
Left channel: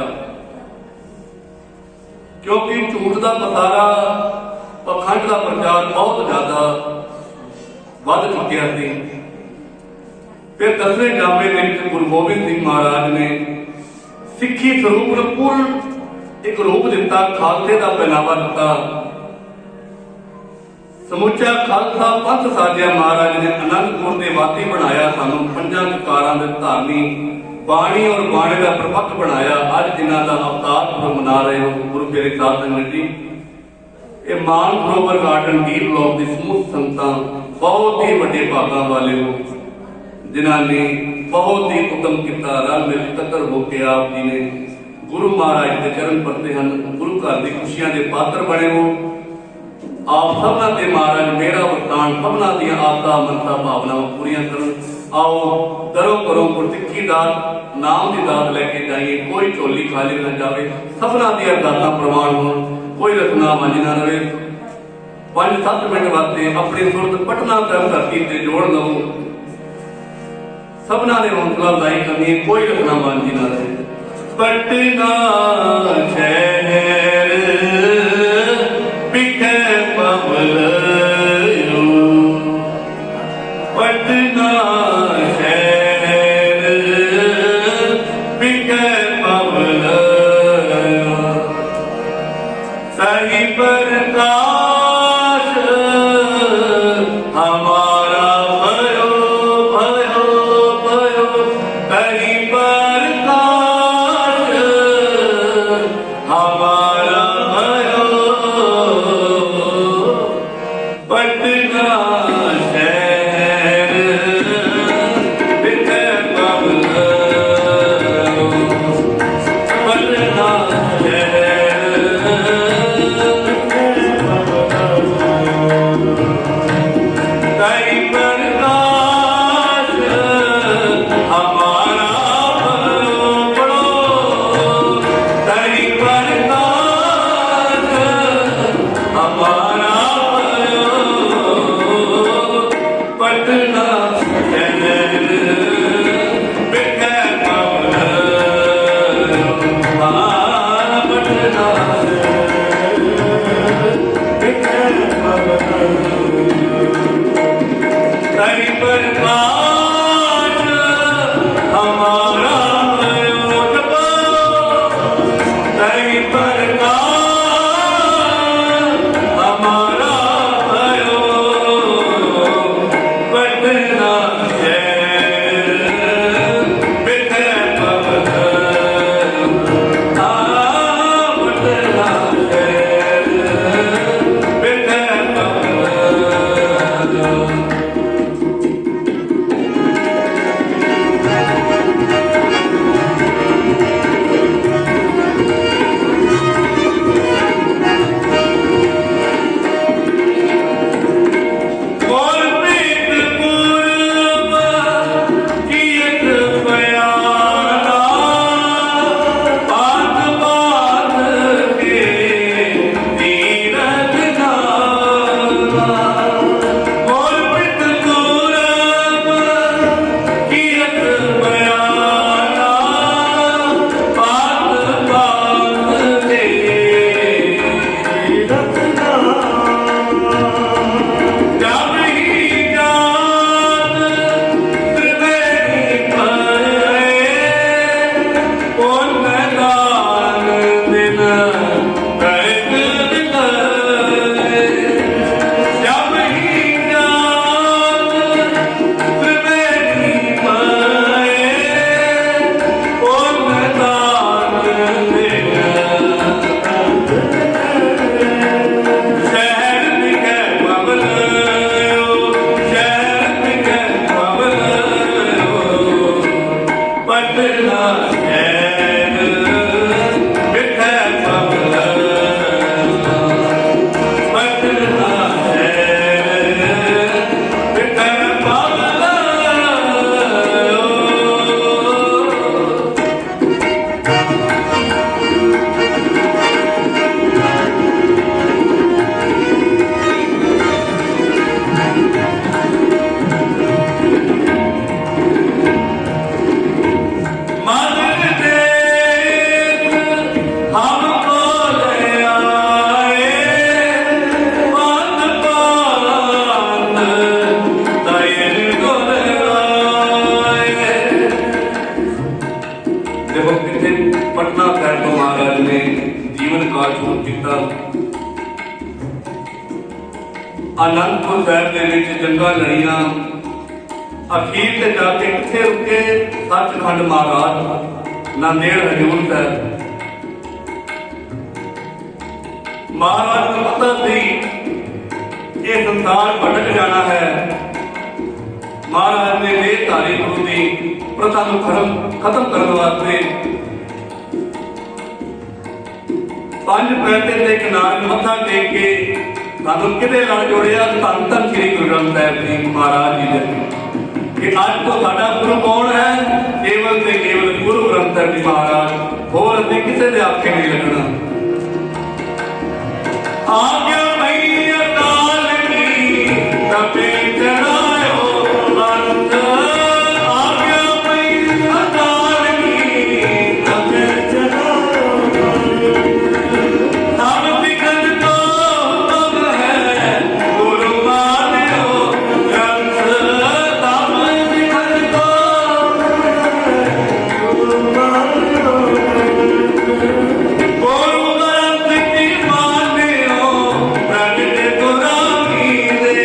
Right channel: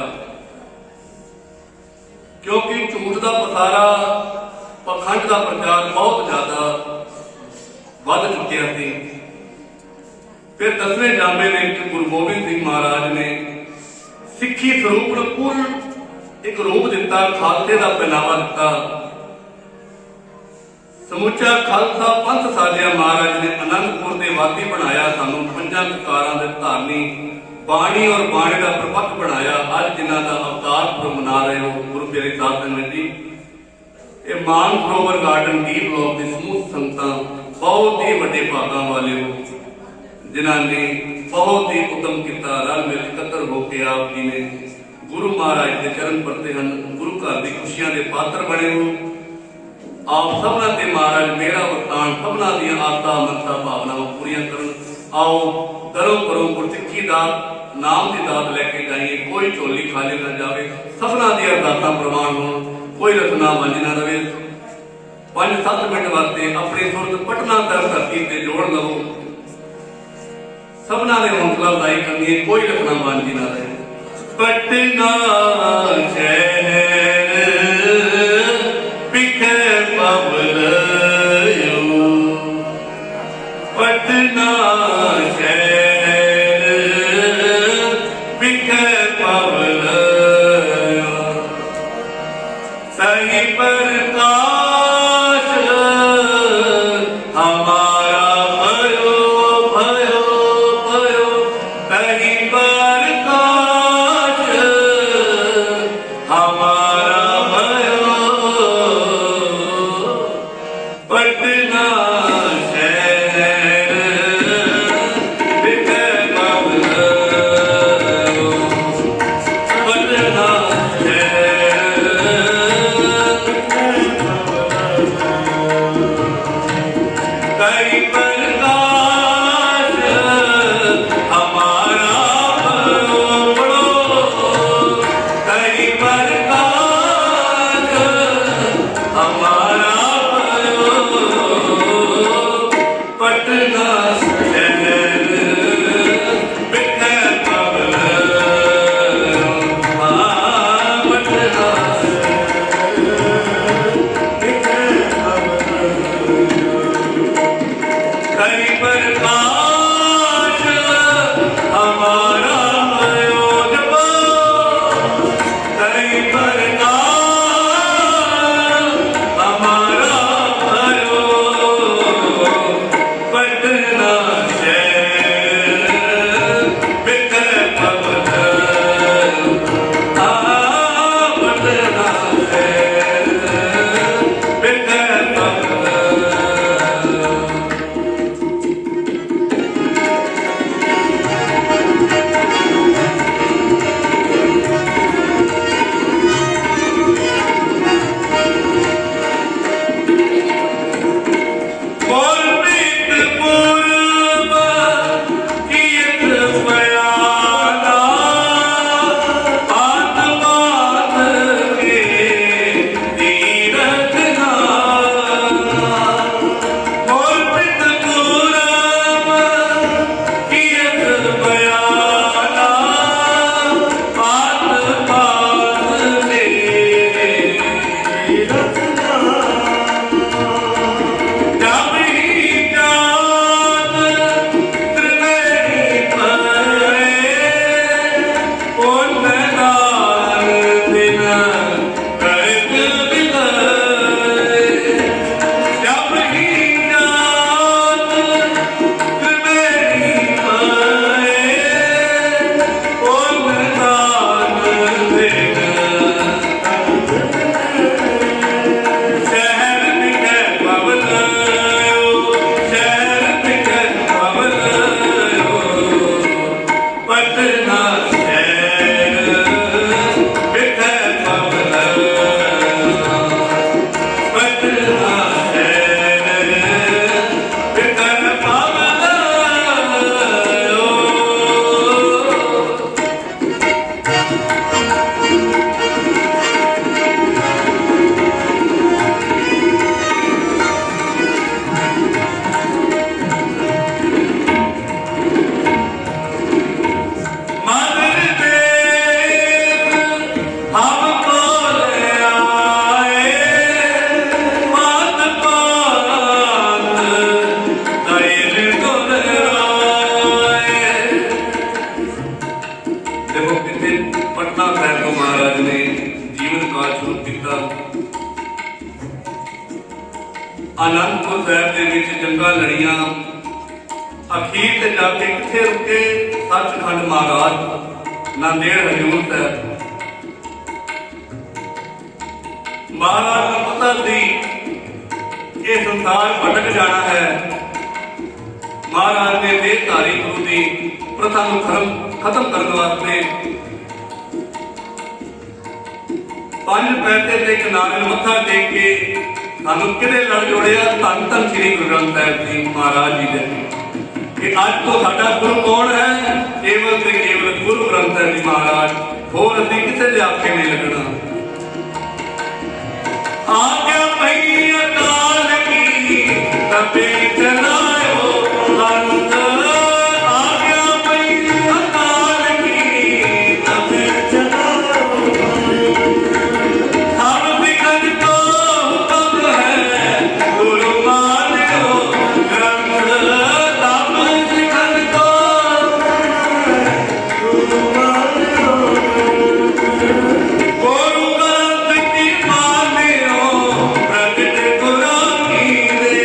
क्योंकि झूठ का पसारा, पखंड का प्रचार बहुत ज्यादा वध चुकिया थी। फिर 10वें जामे दे विच गुरु गोबिंद सिंह महाराज ने सिੱਖੀ ਸਰੂਪ ਨੂੰ ਪੂਰਨ ਇੱਕ ਰੂਪ ਦਿੱਤਾ, ਖਾਲਸੇ ਦਾ ਪਹਿਨਾਵਾ ਦਿੱਤਾ। ਸਮੁੱਚਾ ਖਾਲਸਾ ਪੰਥ ਸਾਜਿਆ। ਮਹਾਰਾਜ ਨੇ ਅਨੰਦਪੁਰ ਦੇ ਵਾਸੀ ਬਣਾਇਆ, ਸਾਨੂੰ ਪੰਜਾਂ ਕਕਾਰਾਂ ਦੇ ਧਾਰਨੀ ਬਾਣੀ ਔਰ ਬਾਣੇ ਦਾ ਪ੍ਰਪੱਖ ਬਣਾਇਆ। ਅੱਜ ਜਿਨ੍ਹਾਂ ਦਾ ਅਵਤਾਰ ਪੁਰਬ ਮਨਾ ਰਹੇ ਹੋ ਗੁਰੂ ਪਿਆਰੇ ਸਾਧ ਸੰਗਤ ਜੀ, ਇਹ ਮਾਨ ਸਰੋਵਰ ਗਾਰਡਨ ਡੀ ਬਲਾਕ ਦੀ ਸਮੂਹ ਸੰਗਤਾਂ ਬਹੁਤ ਹੀ ਵੱਡੇ ਭਾਗਾਂ ਵਾਲੇ ਹੋ, जिन्हों ने बहुत ही उत्तम किया। रल मिल इकत्र होकर आप जी ने गुरु महाराज के चरण परते हैं, गुरु घर की खुशियां के पात्र बने हो। आप सबना ते महाराज मेरा वरतान सबना दी आसा मनसा भावनावां पूरियां करन। आओ दरों करो गुरसिੱਖੀ दात नाम की दात लैके जाइए, कोई झोली खाली ना जाए, सबना दी अरदासां प्रवान हो, कोई रसना वांझ ना रहे। 5-7 मिनट वास्ते अपनी सुरत पटना साहिब धरती ते जोड़ लवो। सबना ने हौसला अफजाई करनी है, कोई रखना वांझी ना रहे। पटना शहर बिकै पवल, पटना शहर बिकै पवल। सही प्रकाश हमारा भयो भयो भयो, सही प्रकाश हमारा भयो। पटना शहर बिकै पवल, पटना शहर बिकै पवल। देखो कितने पटना साहब तो महाराज ने जीवन काल शुरू किया। आनंदपुर साहब के विच जंगा लड़ियां, अखीर ते जाके किथे रुके? सचखंड महाराज, नांदेड़ हजूर साहब। महाराज को पता सी ये संसार भटक जाना है। महाराज ने देहधारी गुरु की प्रथा को खत्म करने वास्ते 5 पैसे के किनारे मत्था टेक के सानू किहदे नाल जोड़िया? धन धन श्री गुरु ग्रंथ साहिब जी महाराज जी ने कि अज तो साडा गुरु कौन है? केवल ते केवल गुरु ग्रंथ साहिब जी महाराज, होर असीं किसे दे आखे नहीं लगना। आज्ञा पई अकाल की तपे चढ़ायो अंत, आज्ञा पई अकाल की तपे चढ़ायो। सब सिखन को हुक्म है गुरु मान्यो ग्रंथ, सब सिखन को गुरु मान्यो गुरु ग्रंथ की मान्यो प्रगट गुरानी दे।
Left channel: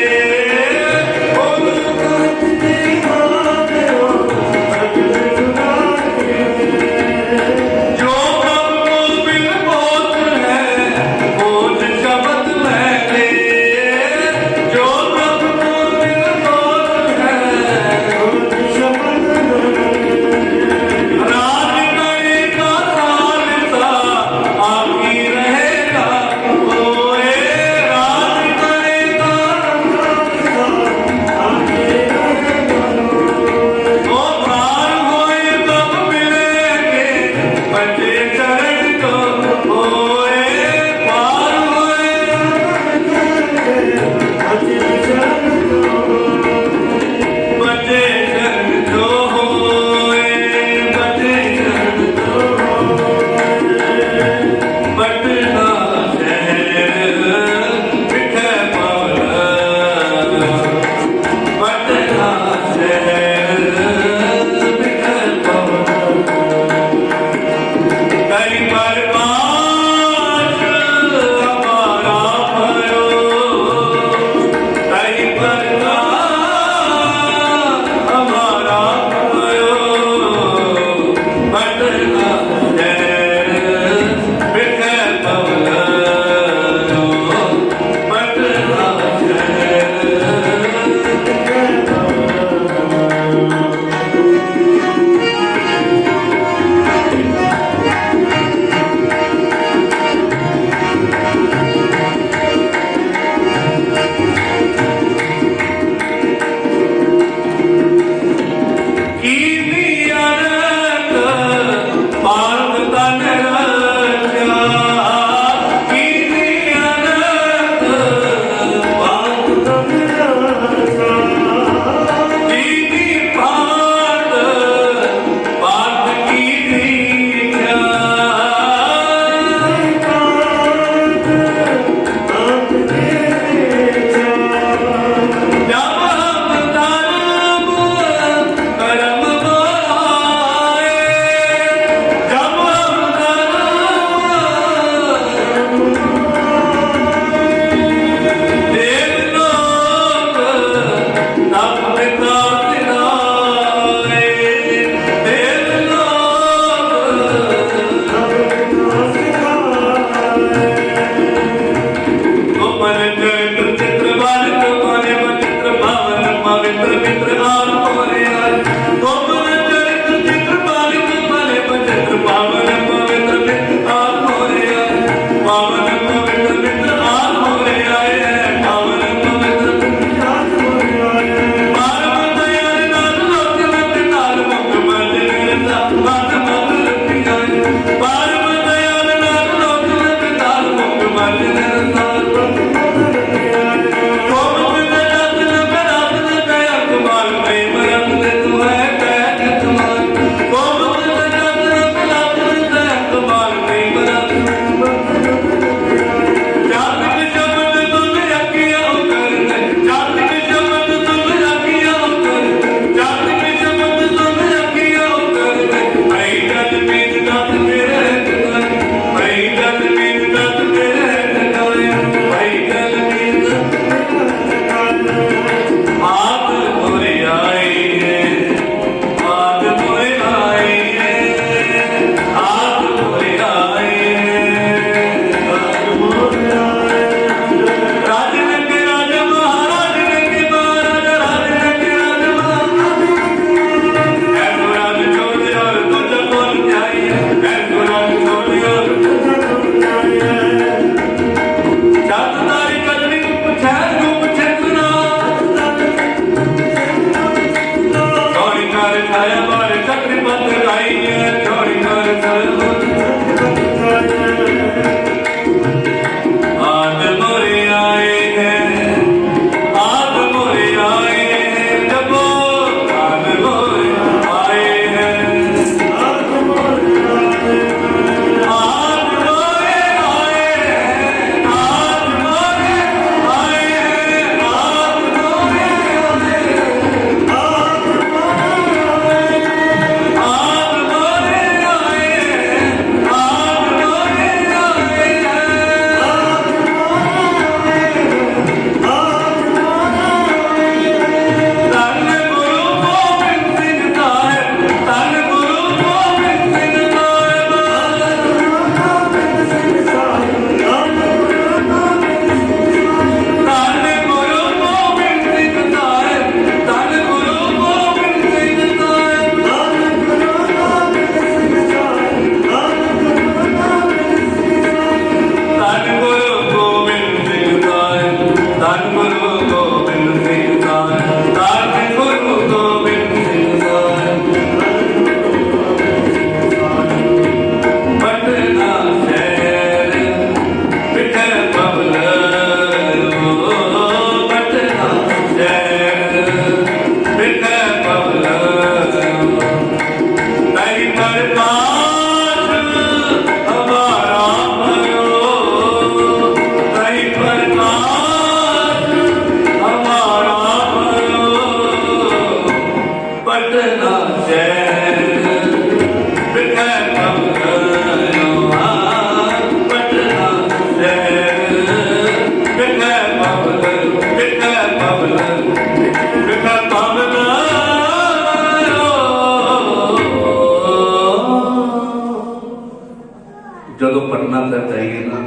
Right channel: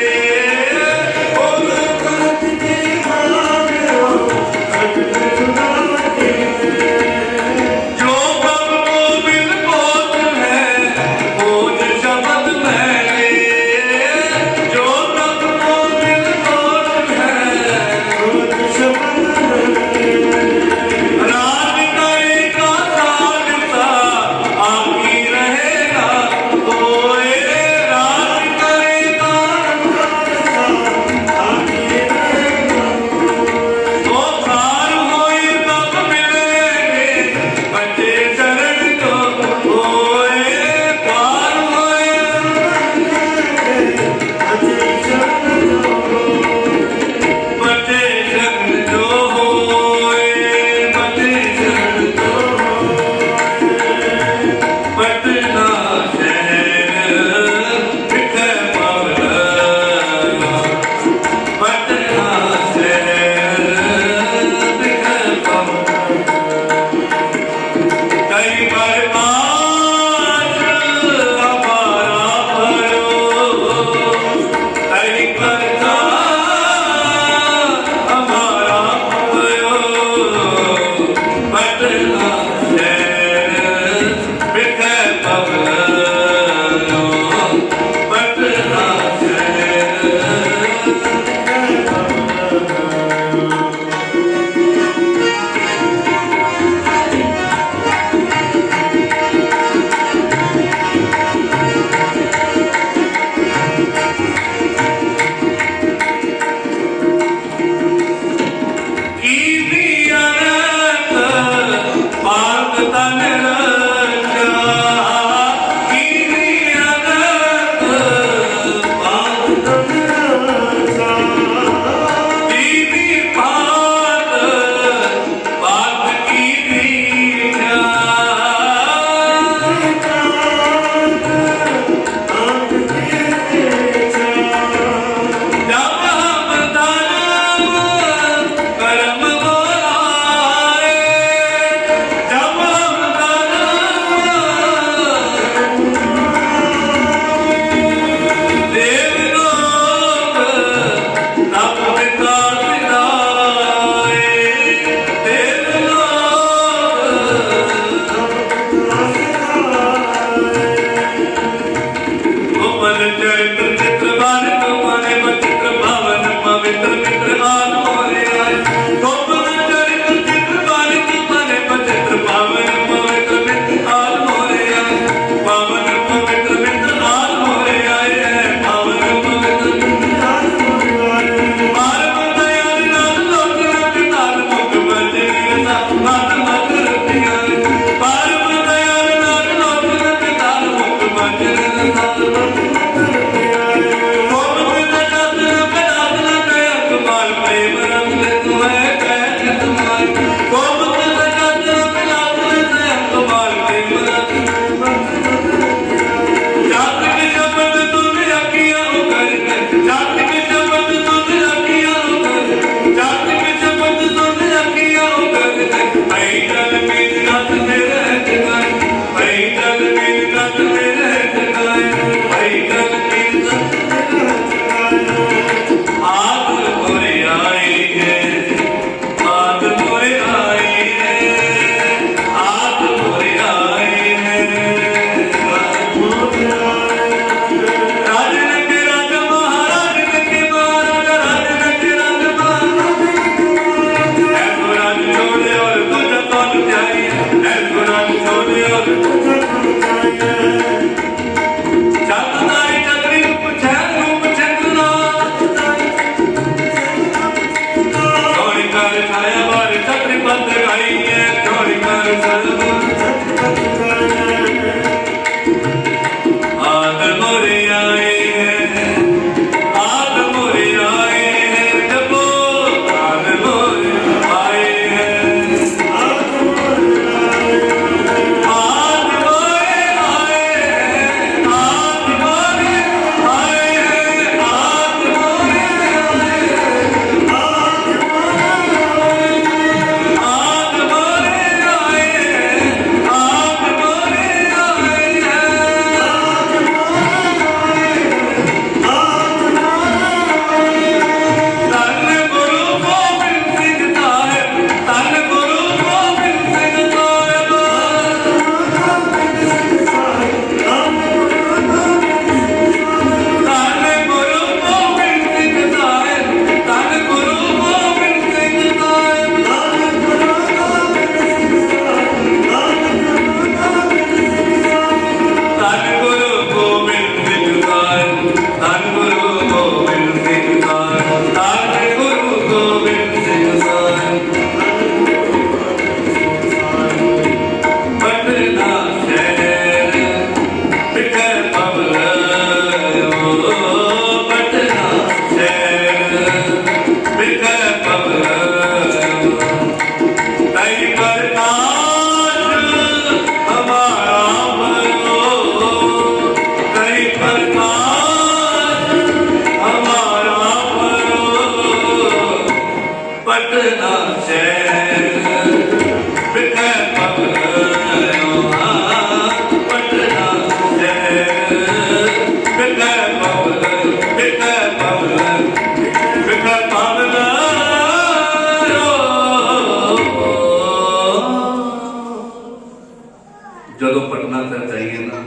ਜਦੋਂ ਪਟਨਾ ਸਾਹਿਬ ਜਾਈਏ ਨਾ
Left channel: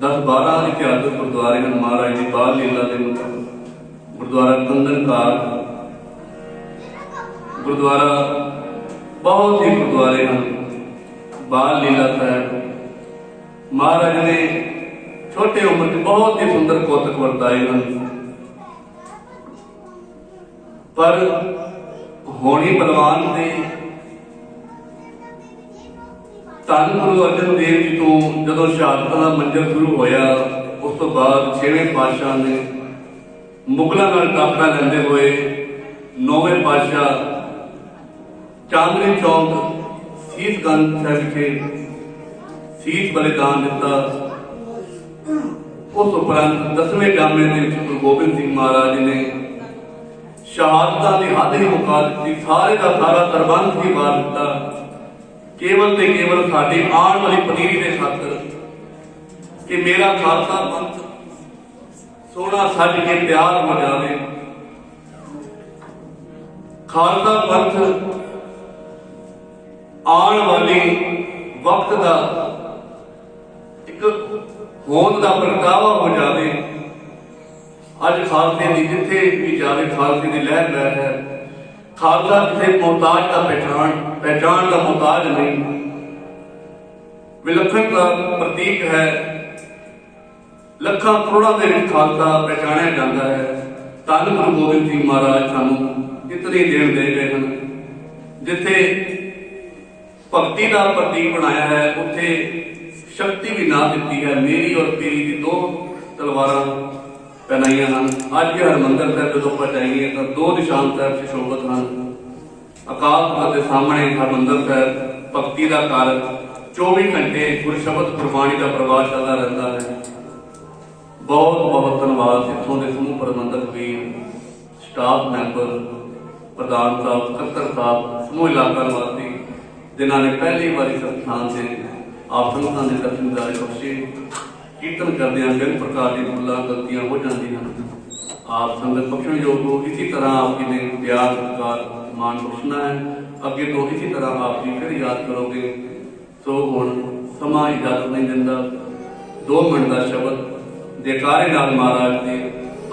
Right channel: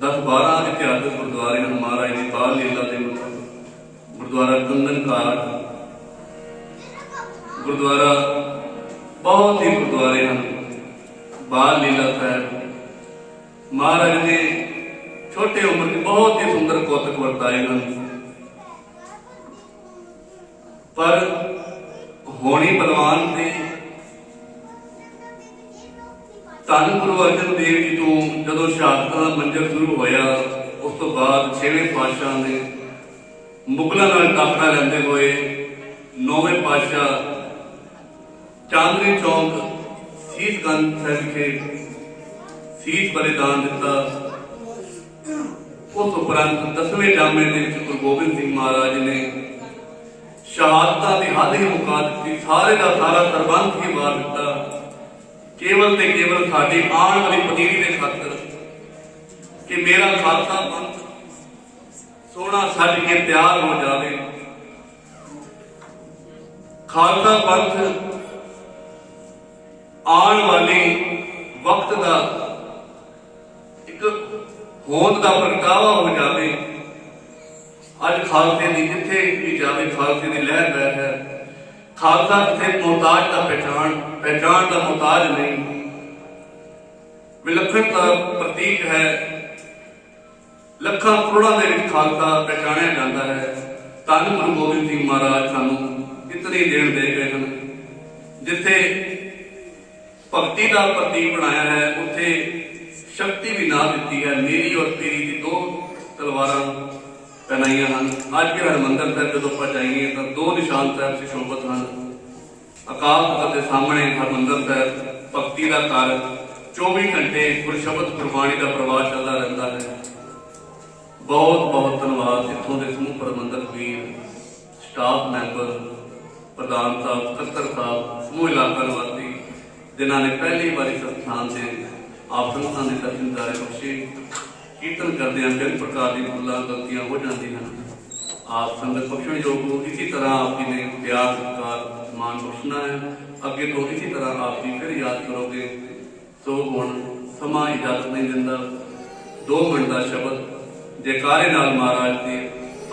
10-12 ਇਤਿਹਾਸਕ ਗੁਰਦੁਆਰੇ ਹਨ ਮਹਾਰਾਜ ਦੀ ਬਾਲ ਲੀਲਾ ਦੇ ਮੁਤਾਬਕ। ਗੁਰਦੁਆਰਾ ਕੰਗਨ ਘਾਟ, ਗੁਰਦੁਆਰਾ ਬਹੁਤ ਹੀ ਗੁਰਦੁਆਰੇ ਹਨ, ਬਾਲ ਲੀਲਾ ਸਾਹਿਬ। ਮਹਾਰਾਜ ਨੇ ਛੋਟੇ ਉਮਰ 'ਚ ਬਹੁਤ ਹੀ ਸੁੰਦਰ ਕੌਤਕ ਵਰਤਾਏ ਹਨ, ਪਰ ਹੋਣੀ ਬਲਵਾਨ ਤੇ ਧੰਨ ਗੁਰੂ ਅਰਜਨ ਦੇਵ ਜੀ ਤੋਂ ਜਦੋਂ ਸ਼ਹਾਦਤਾਂ ਦਾ ਮੰਜ਼ਰ ਸ਼ੁਰੂ ਹੋਇਆ, ਉਸ ਤੋਂ ਬਾਅਦ 6ਵੇਂ ਪਾਤਸ਼ਾਹ ਨੇ ਮੁਗਲਾਂ ਨਾਲ ਟਾਕਰਾ ਲੈਂਦੇ ਹੋਏ 9ਵੇਂ ਪਾਤਸ਼ਾਹ ਚਾਂਦਨੀ ਚੌਂਕ ਸੀਸਗੰਜ ਸਾਹਿਬ ਵਿਖੇ ਸੀਸ ਬਲਿਦਾਨ ਦਿੱਤਾ। ਉਸ ਉਪਰੰਤ 10ਵੇਂ ਜਾਮੇ ਦੇ ਵਿੱਚ ਗੁਰੂ ਗੋਬਿੰਦ ਸਿੰਘ ਮਹਾਰਾਜ ਨੇ ਸ਼ਹਾਦਤਾਂ ਦੀ ਹੱਦ ਹੀ ਮੁਕਾ ਦਿੱਤੀ, ਸਾਰੇ ਦਾ ਸਾਰਾ ਸਰਬੰਧ ਹੀ ਵਾਰ ਦਿੱਤਾ, ਕੇਵਲ ਤੇ ਕੇਵਲ ਸਾਡੀ ਆਉਣ ਵਾਲੀ ਪਨੀਰੀ ਦੇ ਖਾਤਰ ਕਿ ਮੇਰਾ ਖਾਲਸਾ ਪੰਥ ਸੋਹਣਾ ਸੱਜ ਕੇ ਤਿਆਰ ਹੋ ਜਾਵੇ। ਖਾਲਸਾ ਪੰਥ ਆਉਣ ਵਾਲੀ ਵਕਤ ਦਾ ਇੱਕ ਹੋਂਦ ਦਾ ਪ੍ਰਗਟਾਵਾ ਹੋ ਜਾਵੇ। ਅੱਜ ਖਾਲਸੇ ਦੀ ਜਿੱਥੇ ਵੀ ਜਾਵੇ ਖਾਲਸੇ ਦੀ ਲਹਿਰ ਬਹਿ ਹੈ। ਖਾਲਸਾ ਕਿਸੇ ਮੁਹਤਾਜ ਦਾ ਪਹਿਚਾਣ ਦਾ ਮੁਹਤਾਜ ਨਹੀਂ, ਵਿਲੱਖਣ ਦਾ ਪ੍ਰਤੀਕ ਹੈ। ਲੱਖਾਂ ਕਰੋੜਾਂ ਦੇ ਵਿੱਚ ਖਾਲਸਾ ਪਹਿਚਾਣਿਆ ਜਾਂਦਾ ਹੈ। ਧੰਨ ਗੁਰੂ ਗੋਬਿੰਦ ਸਿੰਘ ਮਹਾਰਾਜ ਸਾਨੂੰ ਇਤਨੀ ਦੇਣ ਦੇ ਗਏ ਹਨ। ਜਿੱਥੇ ਭਗਤੀ ਦਾ ਪ੍ਰਤੀਕ ਬਣਾਇਆ ਹੈ, ਉੱਥੇ ਸ਼ਕਤੀ ਵੀ ਨਾ ਦਿੱਤੀ ਹੈ। ਮੇਰੀ ਔਰ ਪੀਰੀ ਦੀ 2 ਤਲਵਾਰਾਂ ਪਹਿਨਾਈਆਂ ਹਨ। ਅੱਜ ਵੀ ਹਰਿਮੰਦਰ ਸਾਹਿਬ ਜਦੋਂ ਆਪਾਂ ਜਾਈਏ ਤਾਂ 2 ਨਿਸ਼ਾਨ ਸਾਹਿਬ ਸੁਸ਼ੋਭਿਤ ਹਨ। ਅਕਾਲ ਤਖ਼ਤ ਦੇ ਸਾਹਮਣੇ ਹਰਿਮੰਦਰ ਸਾਹਿਬ ਭਗਤੀ ਦਾ ਘਰ, 24 ਘੰਟੇ ਗੁਰਸ਼ਬਦ ਗੁਰਬਾਣੀ ਦਾ ਪ੍ਰਵਾਹ ਚੱਲਦਾ ਰਹਿੰਦਾ ਹੈ। ਬਹੁਤ ਬਹੁਤ ਧੰਨਵਾਦ ਇੱਥੋਂ ਦੇ ਸਮੂਹ ਪ੍ਰਬੰਧਕ ਵੀਰ, ਸਟਾਫ ਮੈਂਬਰ, ਪ੍ਰਧਾਨ ਸਾਹਿਬ, ਸਕੱਤਰ ਸਾਹਿਬ, ਸਮੂਹ ਇਲਾਕਾ ਨਿਵਾਸੀ ਜਿਨ੍ਹਾਂ ਨੇ ਪਹਿਲੀ ਵਾਰੀ ਸੰਸਥਾਨ ਦੇ ਆਪ ਸੰਗਤਾਂ ਦੇ ਦਰਸ਼ਨਦਾਰੇ ਬਖਸ਼ੇ। ਕੀਰਤਨ ਕਰਦਿਆਂ ਬਿਨ ਪ੍ਰਕਾਰ ਦੀ ਭੁੱਲਾਂ ਗਲਤੀਆਂ ਹੋ ਜਾਂਦੀਆਂ ਹਨ, ਆਪ ਸੰਗਤ ਬਖਸ਼ਣਯੋਗ ਹੋ। ਇਸੇ ਤਰ੍ਹਾਂ ਆਪ ਜੀ ਨੇ ਪਿਆਰ, ਸਤਿਕਾਰ, ਮਾਣ ਬਖਸ਼ਣਾ ਹੈ। ਅੱਗੇ ਤੋਂ ਇਸੇ ਤਰ੍ਹਾਂ ਆਪ ਜੀ ਫਿਰ ਯਾਦ ਕਰੋਗੇ। ਸੋ ਹੁਣ ਸਮਾਂ ਇਜਾਜ਼ਤ ਨਹੀਂ ਦਿੰਦਾ, 2 ਮਿੰਟ ਦਾ ਸ਼ਬਦ ਜੈਕਾਰੇ ਨਾਲ ਮਹਾਰਾਜ ਦੇ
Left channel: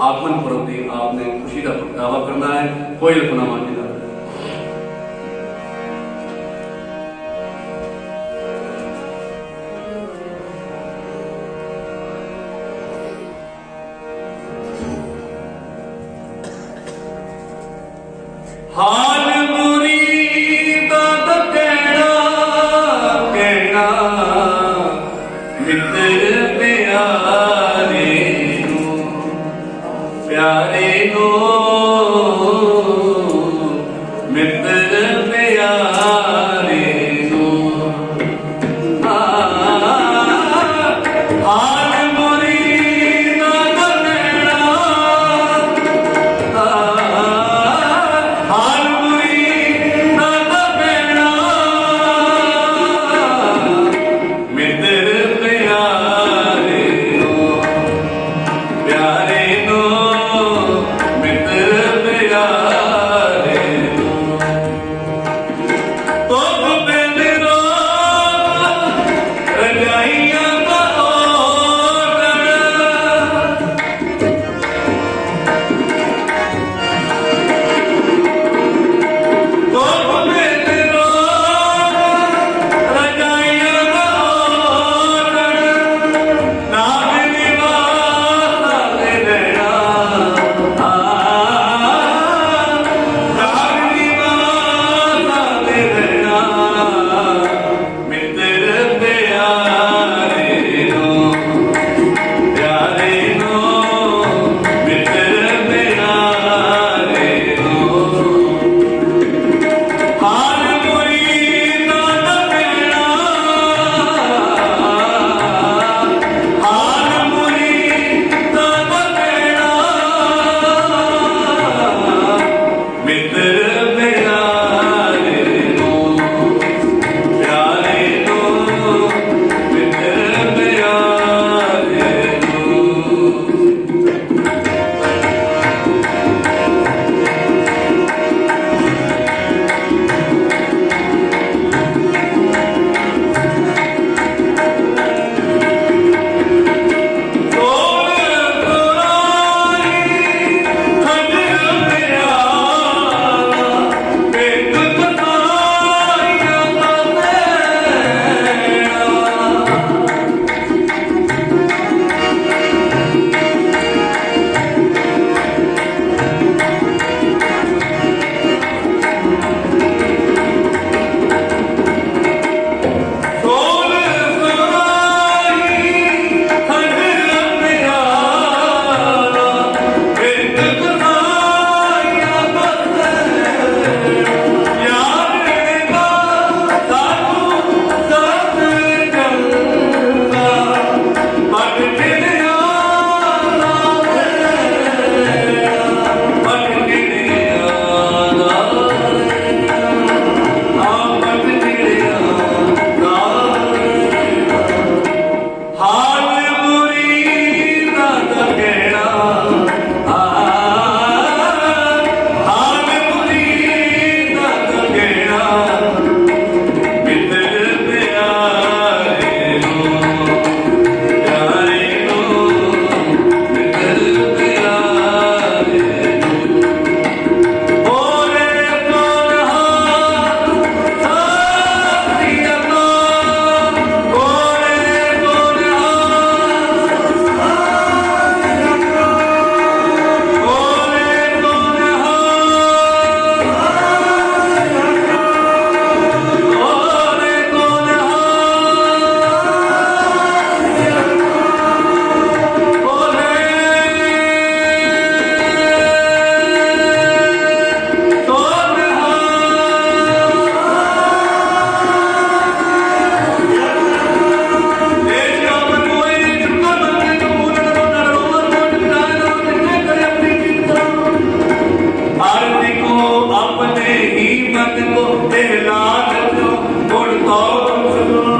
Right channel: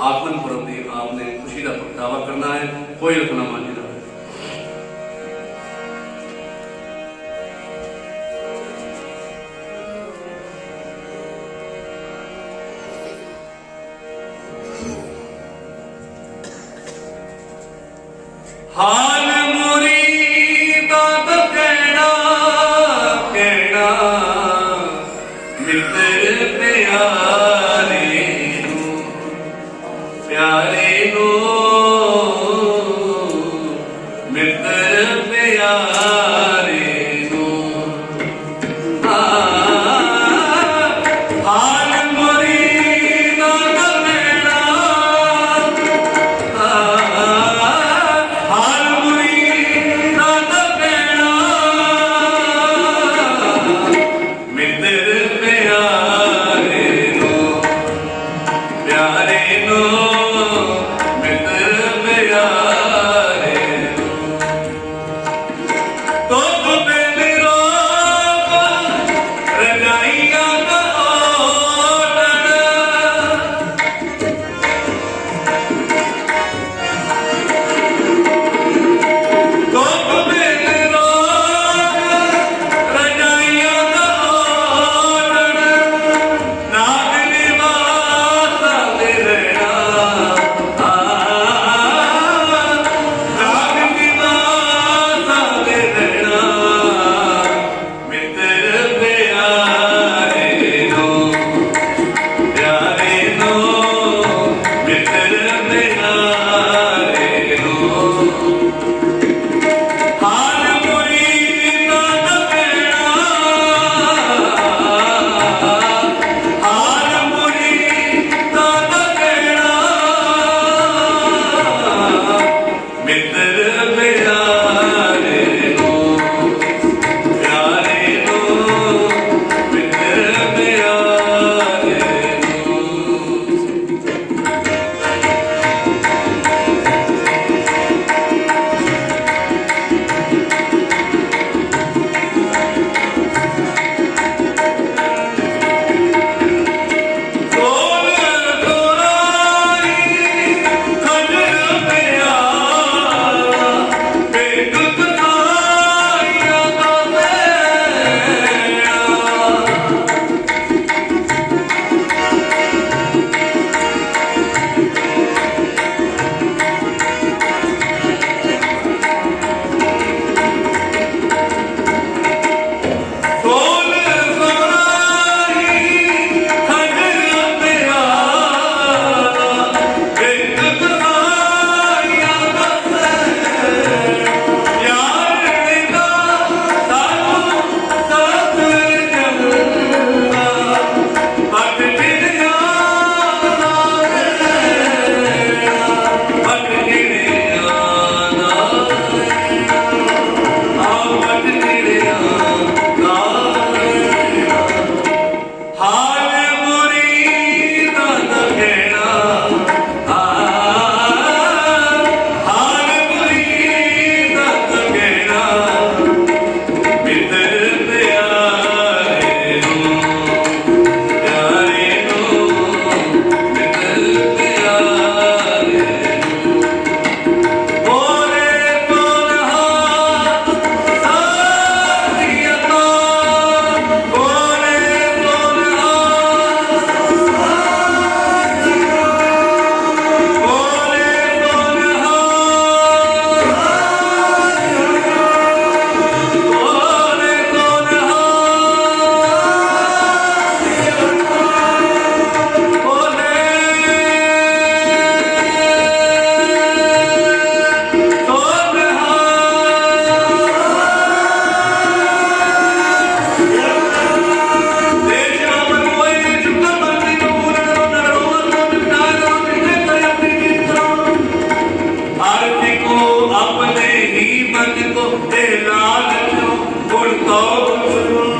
ਆਗਮਨ ਪੁਰਬ ਦੀ ਆਪ ਨੇ ਖੁਸ਼ੀ ਦਾ ਪ੍ਰਗਟਾਵਾ ਕਰਨਾ ਹੈ। ਕੋਈ ਰਖਣਾ ਮਾਂਝੀ ਨਾਲ ਹਾਲ ਮੁਰੀਦਾਂ ਦਾ ਕਹਿਣਾ ਮਿੱਤਰ ਪਿਆਰੇ ਨੂੰ ਮਿੱਤਰ ਪਿਆਰੇ ਨੂੰ ਹਾਲ ਮੁਰੀਦਾਂ ਦਾ ਕਹਿਣਾ ਹਾਲ ਮੁਰੀਦਾਂ ਦਾ ਕਹਿਣਾ ਮਿੱਤਰ ਪਿਆਰੇ ਨੂੰ ਮਿੱਤਰ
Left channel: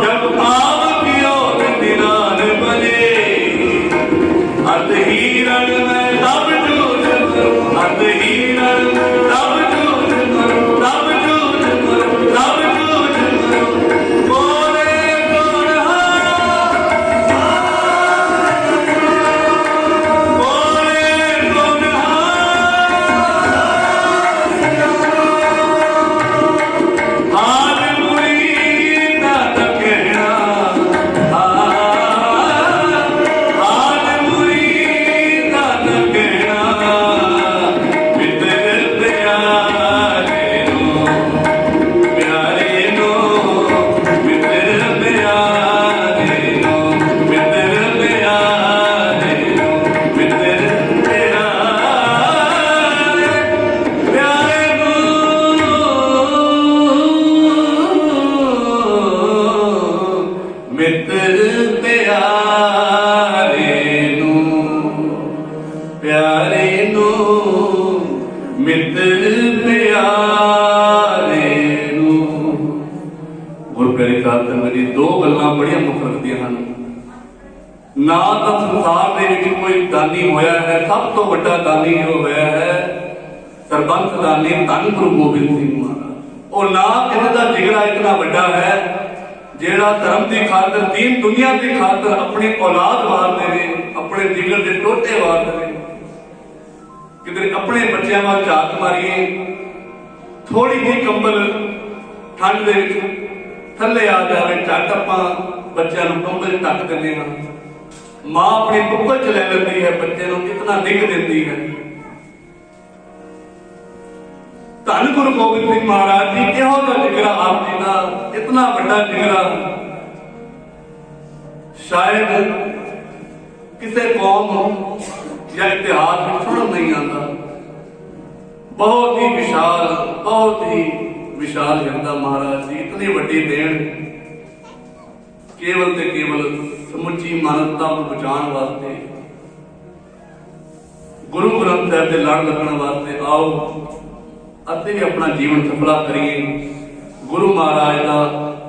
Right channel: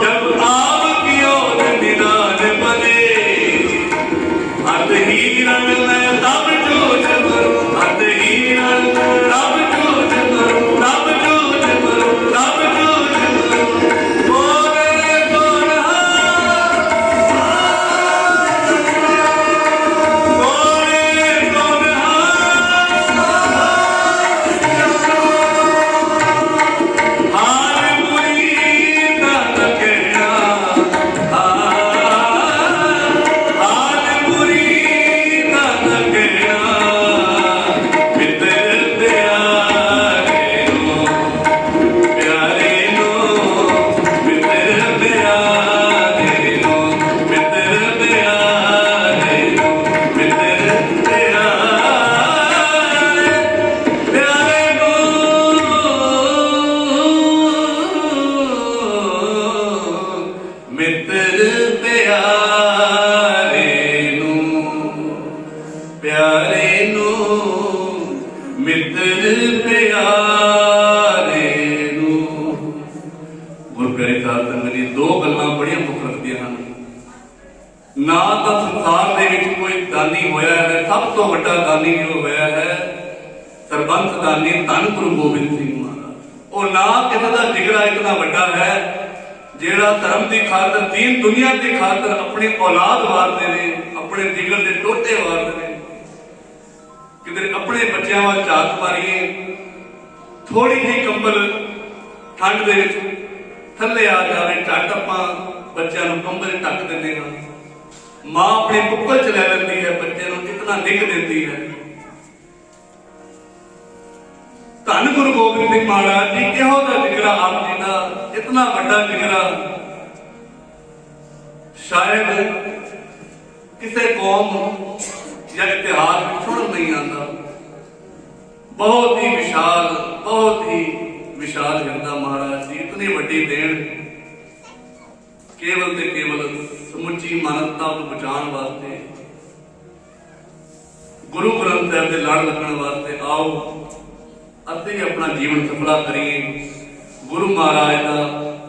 जब आव कियो निदान बने अत हीरन में तब जूझ करूं अत हीरन में तब जूझ करूं तब जूझ करूं तब जूझ करूं बोले कौन बोले कौन हाल मुरीद का कहना हाल मुरीद का कहना मित्र प्यारे नो मित्र प्यारे नो मित्र प्यारे नो मित्र प्यारे नो मित्र प्यारे नो प्यारे नो मित्र प्यारे नो ਗੁਰੂ ਪਿਆਰੇ ਸਾਹਿਬ ਸੰਗਤ ਜੀ ਦੋ ਗੱਲਾਂ ਬੜੀਆਂ ਮੁੱਖ ਰੱਖਦੀਆਂ ਹਨ ਨਾ ਤਾਂ ਸੰਸਾਰ ਦੇ ਵਿੱਚ ਕੋਈ ਦਾਨੀ ਹੋਇਆ ਹੈ ਸਭ ਤੋਂ ਵੱਡਾ ਦਾਨੀ ਜੋ ਹੋਇਆ ਹੈ ਸਰਬੰਸ ਦਾਨੀ ਧੰਨ ਗੁਰੂ ਗੋਬਿੰਦ ਸਿੰਘ ਮਹਾਰਾਜ ਉਹ ਨਾ ਕਿਸੇ ਦਾ ਜਿਗਰਾ ਇਤਨਾ ਵੱਡਾ ਹੈ ਜਿਹੜਾ ਧਰਮ ਦੀ ਖਾਤਰ ਦੀਨ ਦੁਨੀਆ ਦੀ ਖਾਤਰ ਆਪਣੀ ਔਲਾਦ ਵਾਰਦੇ ਨੇ ਆਪਣੇ ਜਿਗਰ ਦੇ ਟੋਟੇ ਵਾਰਦੇ ਨੇ ਕਿਤੇ ਆਪਣੇ ਬੱਚਿਆਂ ਵੱਲ ਝਾਤ ਮਾਰੀਏ ਥੋੜੀ ਜਿਹੀ ਕੰਬਲ ਠੰਡ ਦੇ ਵਿੱਚ ਥੱਲੇ ਆ ਜਾਵੇ ਝੱਟ ਆਪਾਂ ਬੱਚਿਆਂ ਨੂੰ ਕੰਬਲ ਢੱਕ ਦਿੰਦੇ ਹਾਂ ਮਾਂ ਆਪਣੀ ਕੁੱਕਲ ਚ ਲੈ ਲੈਂਦੀ ਹੈ ਬੱਚੇ ਨੂੰ ਇਤਨਾ ਨਿੱਘ ਦਿੰਦੀ ਹੈ ਧੰਨ ਗੁਰੂ ਗੋਬਿੰਦ ਸਿੰਘ ਮਹਾਰਾਜ ਜੀ ਕਿਹੋ ਦਾ ਜਿਗਰਾ ਆਪ ਜੀ ਦਾ ਇਤਨਾ ਵੱਡਾ ਜਿਗਰਾ ਸ਼ਾਇਦ ਕਿਸੇ ਕੌਮ ਜਾਂ ਇਤਿਹਾਸ ਵਿੱਚ ਸੁਣਨ ਨਹੀਂ ਆਉਂਦਾ ਬਹੁਤ ਹੀ ਵਿਸ਼ਾਲ ਹਿਰਦਾ ਮਹਾਰਾਜ ਜੀ ਇਤਨੀ ਵੱਡੀ ਦੇਣ ਕੇਵਲ ਤੇ ਕੇਵਲ ਸਮੁੱਚੀ ਮਾਨਵਤਾ ਨੂੰ ਬਚਾਉਣ ਵਾਸਤੇ ਗੁਰੂ ਗ੍ਰੰਥ ਸਾਹਿਬ ਦੇ ਲੜ ਲੱਗਣ ਵਾਸਤੇ ਆਓ ਅਤੇ ਆਪਣਾ ਜੀਵਨ ਸਫਲਾ ਕਰੀਏ ਗੁਰੂ ਮਹਾਰਾਜ ਦਾ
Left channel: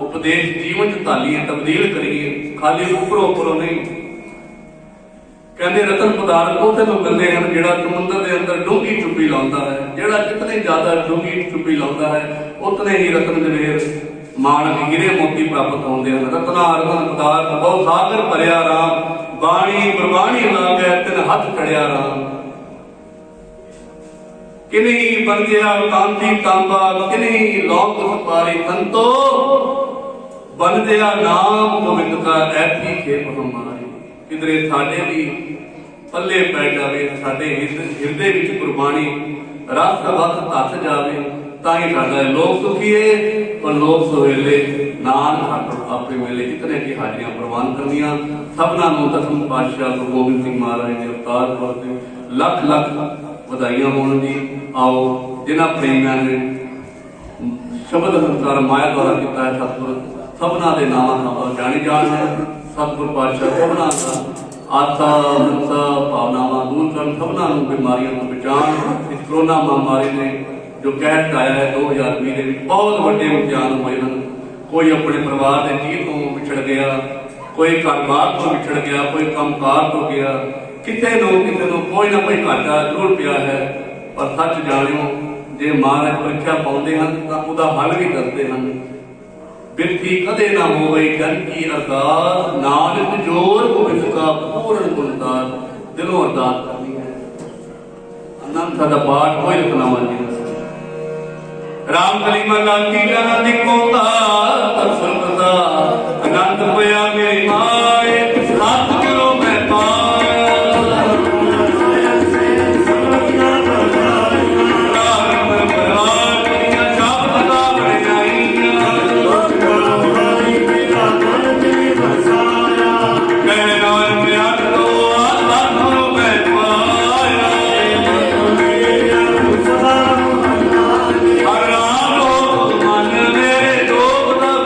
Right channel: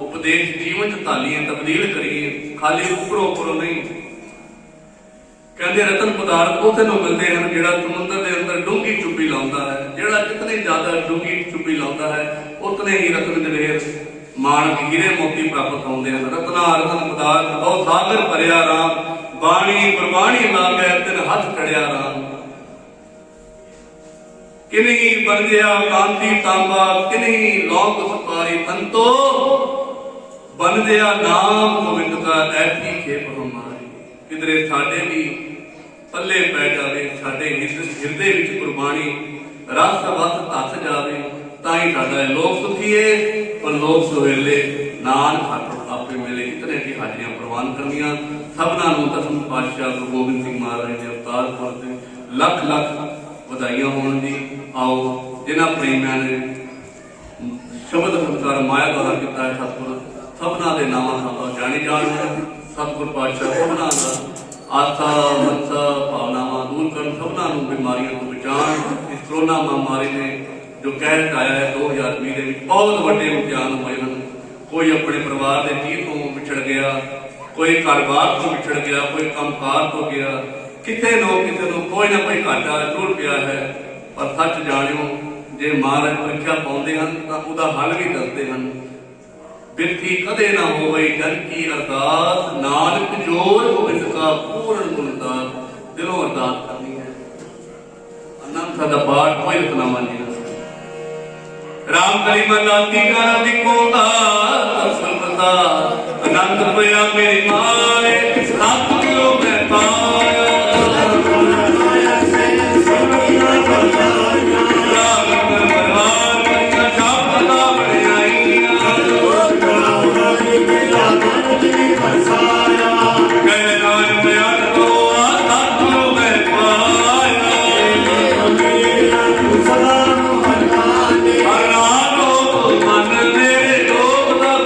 ਉਪਦੇਸ਼ ਜੀਵਨ ਚ ਢਾਲੀਏ ਤਬਦੀਲ ਕਰੀਏ ਖਾਲੀ ਉੱਪਰੋਂ ਨਹੀਂ ਕਹਿੰਦੇ ਰਤਨ ਪਦਾਰਥ ਉਸੇ ਨੂੰ ਮਿਲਦੇ ਹਨ ਜਿਹੜਾ ਸਮੁੰਦਰ ਦੇ ਅੰਦਰ ਡੂੰਘੀ ਚੁੱਪੀ ਲਾਉਂਦਾ ਹੈ ਜਿਹੜਾ ਜਿਤਨੇ ਜ਼ਿਆਦਾ ਡੂੰਘੀ ਚੁੱਪੀ ਲਾਉਂਦਾ ਹੈ ਉਤਨੇ ਹੀ ਰਤਨ ਜਵੇਰ ਮਾਣਕ ਹੀਰੇ ਮੋਤੀ ਪ੍ਰਾਪਤ ਹੁੰਦੇ ਹਨ ਰਤਨਾ ਰਤਨ ਪਦਾਰਥ ਬਹੁ ਸਾਗਰ ਭਰਿਆ ਰਾਮ ਬਾਣੀ ਗੁਰਬਾਣੀ ਲਾਗੈ ਤਿਨ ਹੱਥ ਚੜਿਆ ਰਾਮ ਕਿਨਹੀ ਬੰਦਿਆ ਕਾਂਤੀ ਤਾਂਬਾ ਕਿਨਹੀ ਲੋਕ ਸਪਾਰੀ ਸੰਤੋ ਬੰਦਿਆ ਨਾਮ ਗੋਬਿੰਦ ਕਾ ਐਸੀ ਖੇਪ ਹਮਾਰੀ ਕਿਧਰੇ ਸਾਡੇ ਵੀ ਪੱਲੇ ਪੈ ਜਾਵੇ ਸਾਡੇ ਹਿਰਦੇ ਵਿੱਚ ਗੁਰਬਾਣੀ ਰਸ ਵਸ ਧੱਸ ਜਾਵੇ ਤਾਂ ਹੀ ਸਾਡਾ ਲੋਕ ਸੁਖੀਏ ਔਰ ਲੋਕ ਸੁਹੇਲੇ ਨਾਨਕ ਆਪੇ ਮਿਲੇ ਇਤਨੇ ਕੀ ਹਾਜ਼ਰੀਆਂ ਪ੍ਰਵਾਨ ਕਰਨੀਆਂ ਸਭਨਾਂ ਨੂੰ ਦਸਮ ਪਾਤਸ਼ਾਹ ਗੁਰੂ ਗੋਬਿੰਦ ਸਿੰਘ ਮਹਾਰਾਜ ਦੇ ਅਵਤਾਰ ਪੁਰਬ ਤੇ ਲੱਖ ਲੱਖ ਵਧਾਈਆਂ ਹੋਣ ਜੀ ਆਓ ਜਿਨ੍ਹਾਂ ਪ੍ਰੇਮੀਆਂ ਨੇ ਸ਼ਬਦ ਸੰਸਕਾਰ ਮਾਇਆ ਦੁਆਰਾ ਕੀਤਾ ਹੈ ਸਤਿਗੁਰ ਸਭਨਾਂ ਦੇ ਨਾਵਾਂ ਨਾਲ ਜਾਣੀ ਜਾਣ ਸਤਿਗੁਰ ਪਾਤਸ਼ਾਹ ਸਭਨਾਂ ਦਾ ਆਸਾ ਮਨਸਾ ਭਾਵਨਾਵਾਂ ਦੂਰ ਕਰਨ ਸਭਨਾਂ ਨੂੰ ਬਿਮਾਰੀਆਂ ਤੋਂ ਬਚਾਉਣ ਇਸ ਕਰੋਨਾ ਮਹਾਮਾਰੀ ਨੇ ਜੋ ਕਹਿਰ ਆਇਆ ਹੈ 2020 ਦੇ ਵਿੱਚ ਬਹੁਤ ਵੱਡੇ ਇਮਤਿਹਾਨ ਹੋਏ ਹਨ ਕੋਈ ਆਪਣੇ ਪਰਿਵਾਰ ਦੇ ਜੀਅ ਤੋਂ ਵਿਛੜ ਗਿਆ ਕੋਈ ਘਰ-ਬਾਰ ਤੋਂ ਵਿਛੜ ਗਿਆ ਕੋਈ ਕੰਮਕਾਰ ਤੋਂ ਗਿਆ ਕਿਸੇ ਨੂੰ ਕੋਈ ਨਾ ਕੋਈ ਘਾਟਾ ਜ਼ਰੂਰ ਪਿਆ ਹੈ ਪਰ ਸੱਚ ਜਾਣਿਓ ਜੇ ਮਹਾਰਾਜ ਪ੍ਰੀਖਿਆ ਪਾਉਂਦੇ ਹਨ ਤਾਂ ਉਹਦਾ ਹੱਲ ਵੀ ਦੱਸਦੇ ਹਨ ਬਿਰਥੀ ਕਦੇ ਨਾ ਹੋਵੇ ਜਨ ਕੀ ਅਰਦਾਸ ਨਾਨਕ ਜੋਰ ਗੋਬਿੰਦ ਕਾ ਪੂਰਨ ਗੁਣਦਾਸ ਦਿਲੋਂ ਅਰਦਾਸ ਕਰਨੀ ਹੈ ਅਨੰਦ ਦਾ ਪਾਠ ਕੋਈ ਰਤਨਾਵਾਂ ਜੀ ਰਾਮ ਕਲੀ ਮਹਲਾ ਤੀਜਾ ਨਾ ਲਿਖੋਗਾ ਸਤਿਗੁਰਦਾ ਅਨੰਦ ਹੋਇਆ ਮੇਰੀ ਮਾਏ 7 ਕਿਲੋ ਮੈਂ ਪਾਇਆ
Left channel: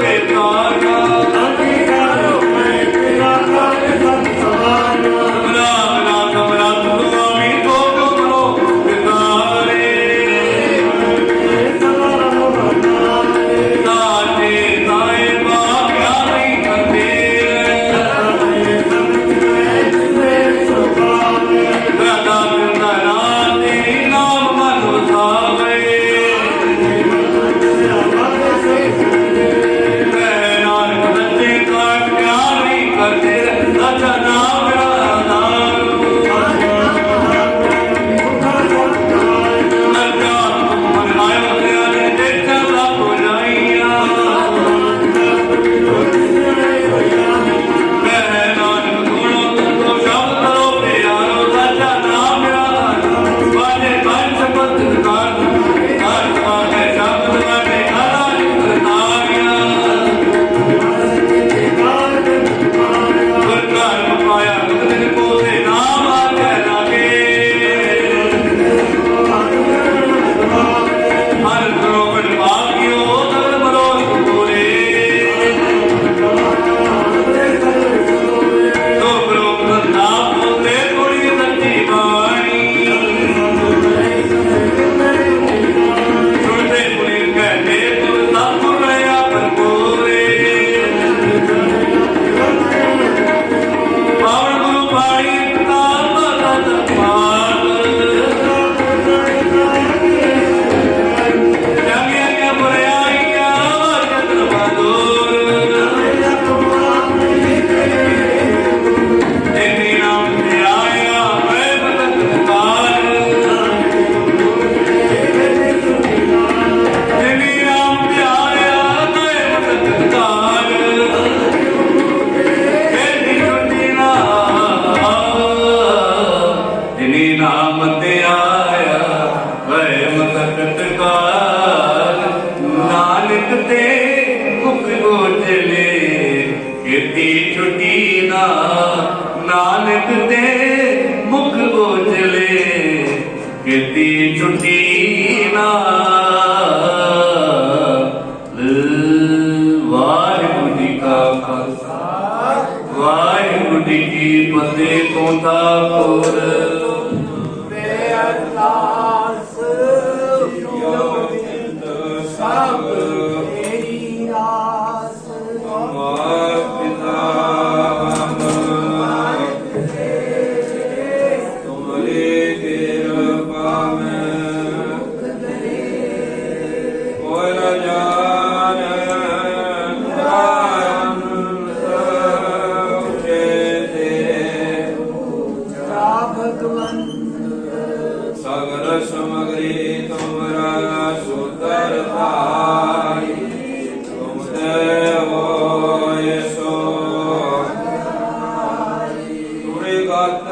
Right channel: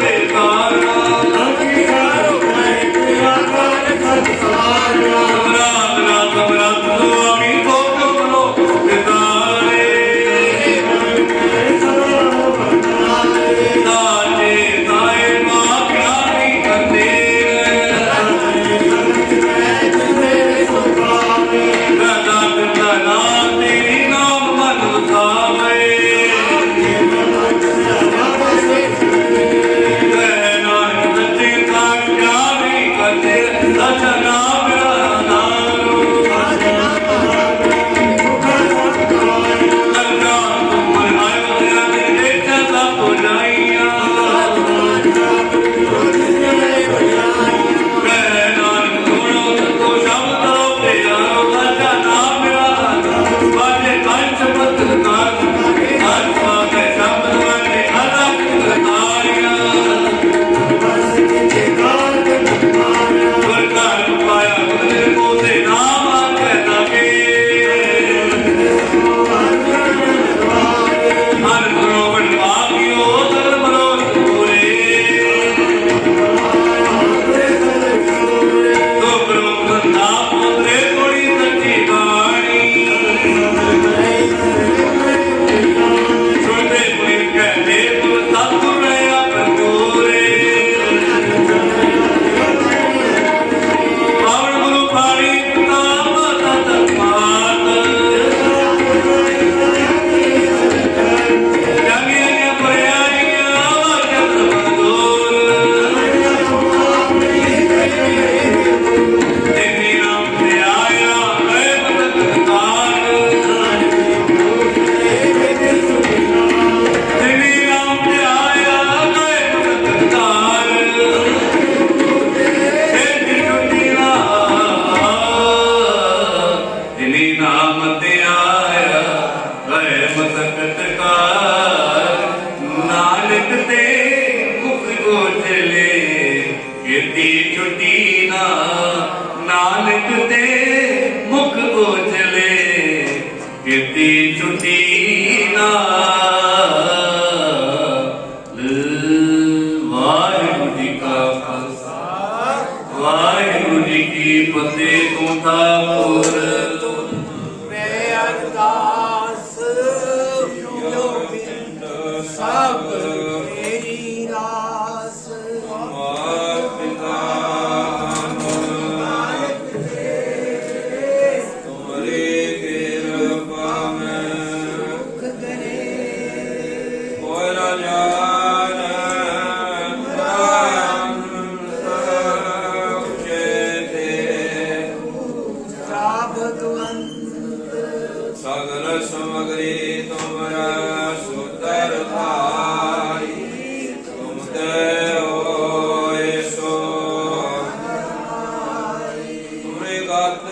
Beta ਕੀਤੀ ਛੁੱਟੀ ਨਾ ਨਾਨਕ ਦੇ ਮੁਖ ਉਜਲੇ ਕੀਤੀ ਛੁੱਟੀ ਨਾ ਵਾਹਿਗੁਰੂ ਜੀ ਕਾ ਖਾਲਸਾ ਵਾਹਿਗੁਰੂ ਜੀ ਕੀ ਫਤਿਹ। ਤੋਂ ਠਾਕੁਰ ਸਗਲ ਸਮਗਰੀ ਤੁਮਰਾ ਸੁਦਰ ਭਾਈ ਤੁਮ ਤੇ ਹੋਏ ਸੋ ਤੁਰੇ ਗਤ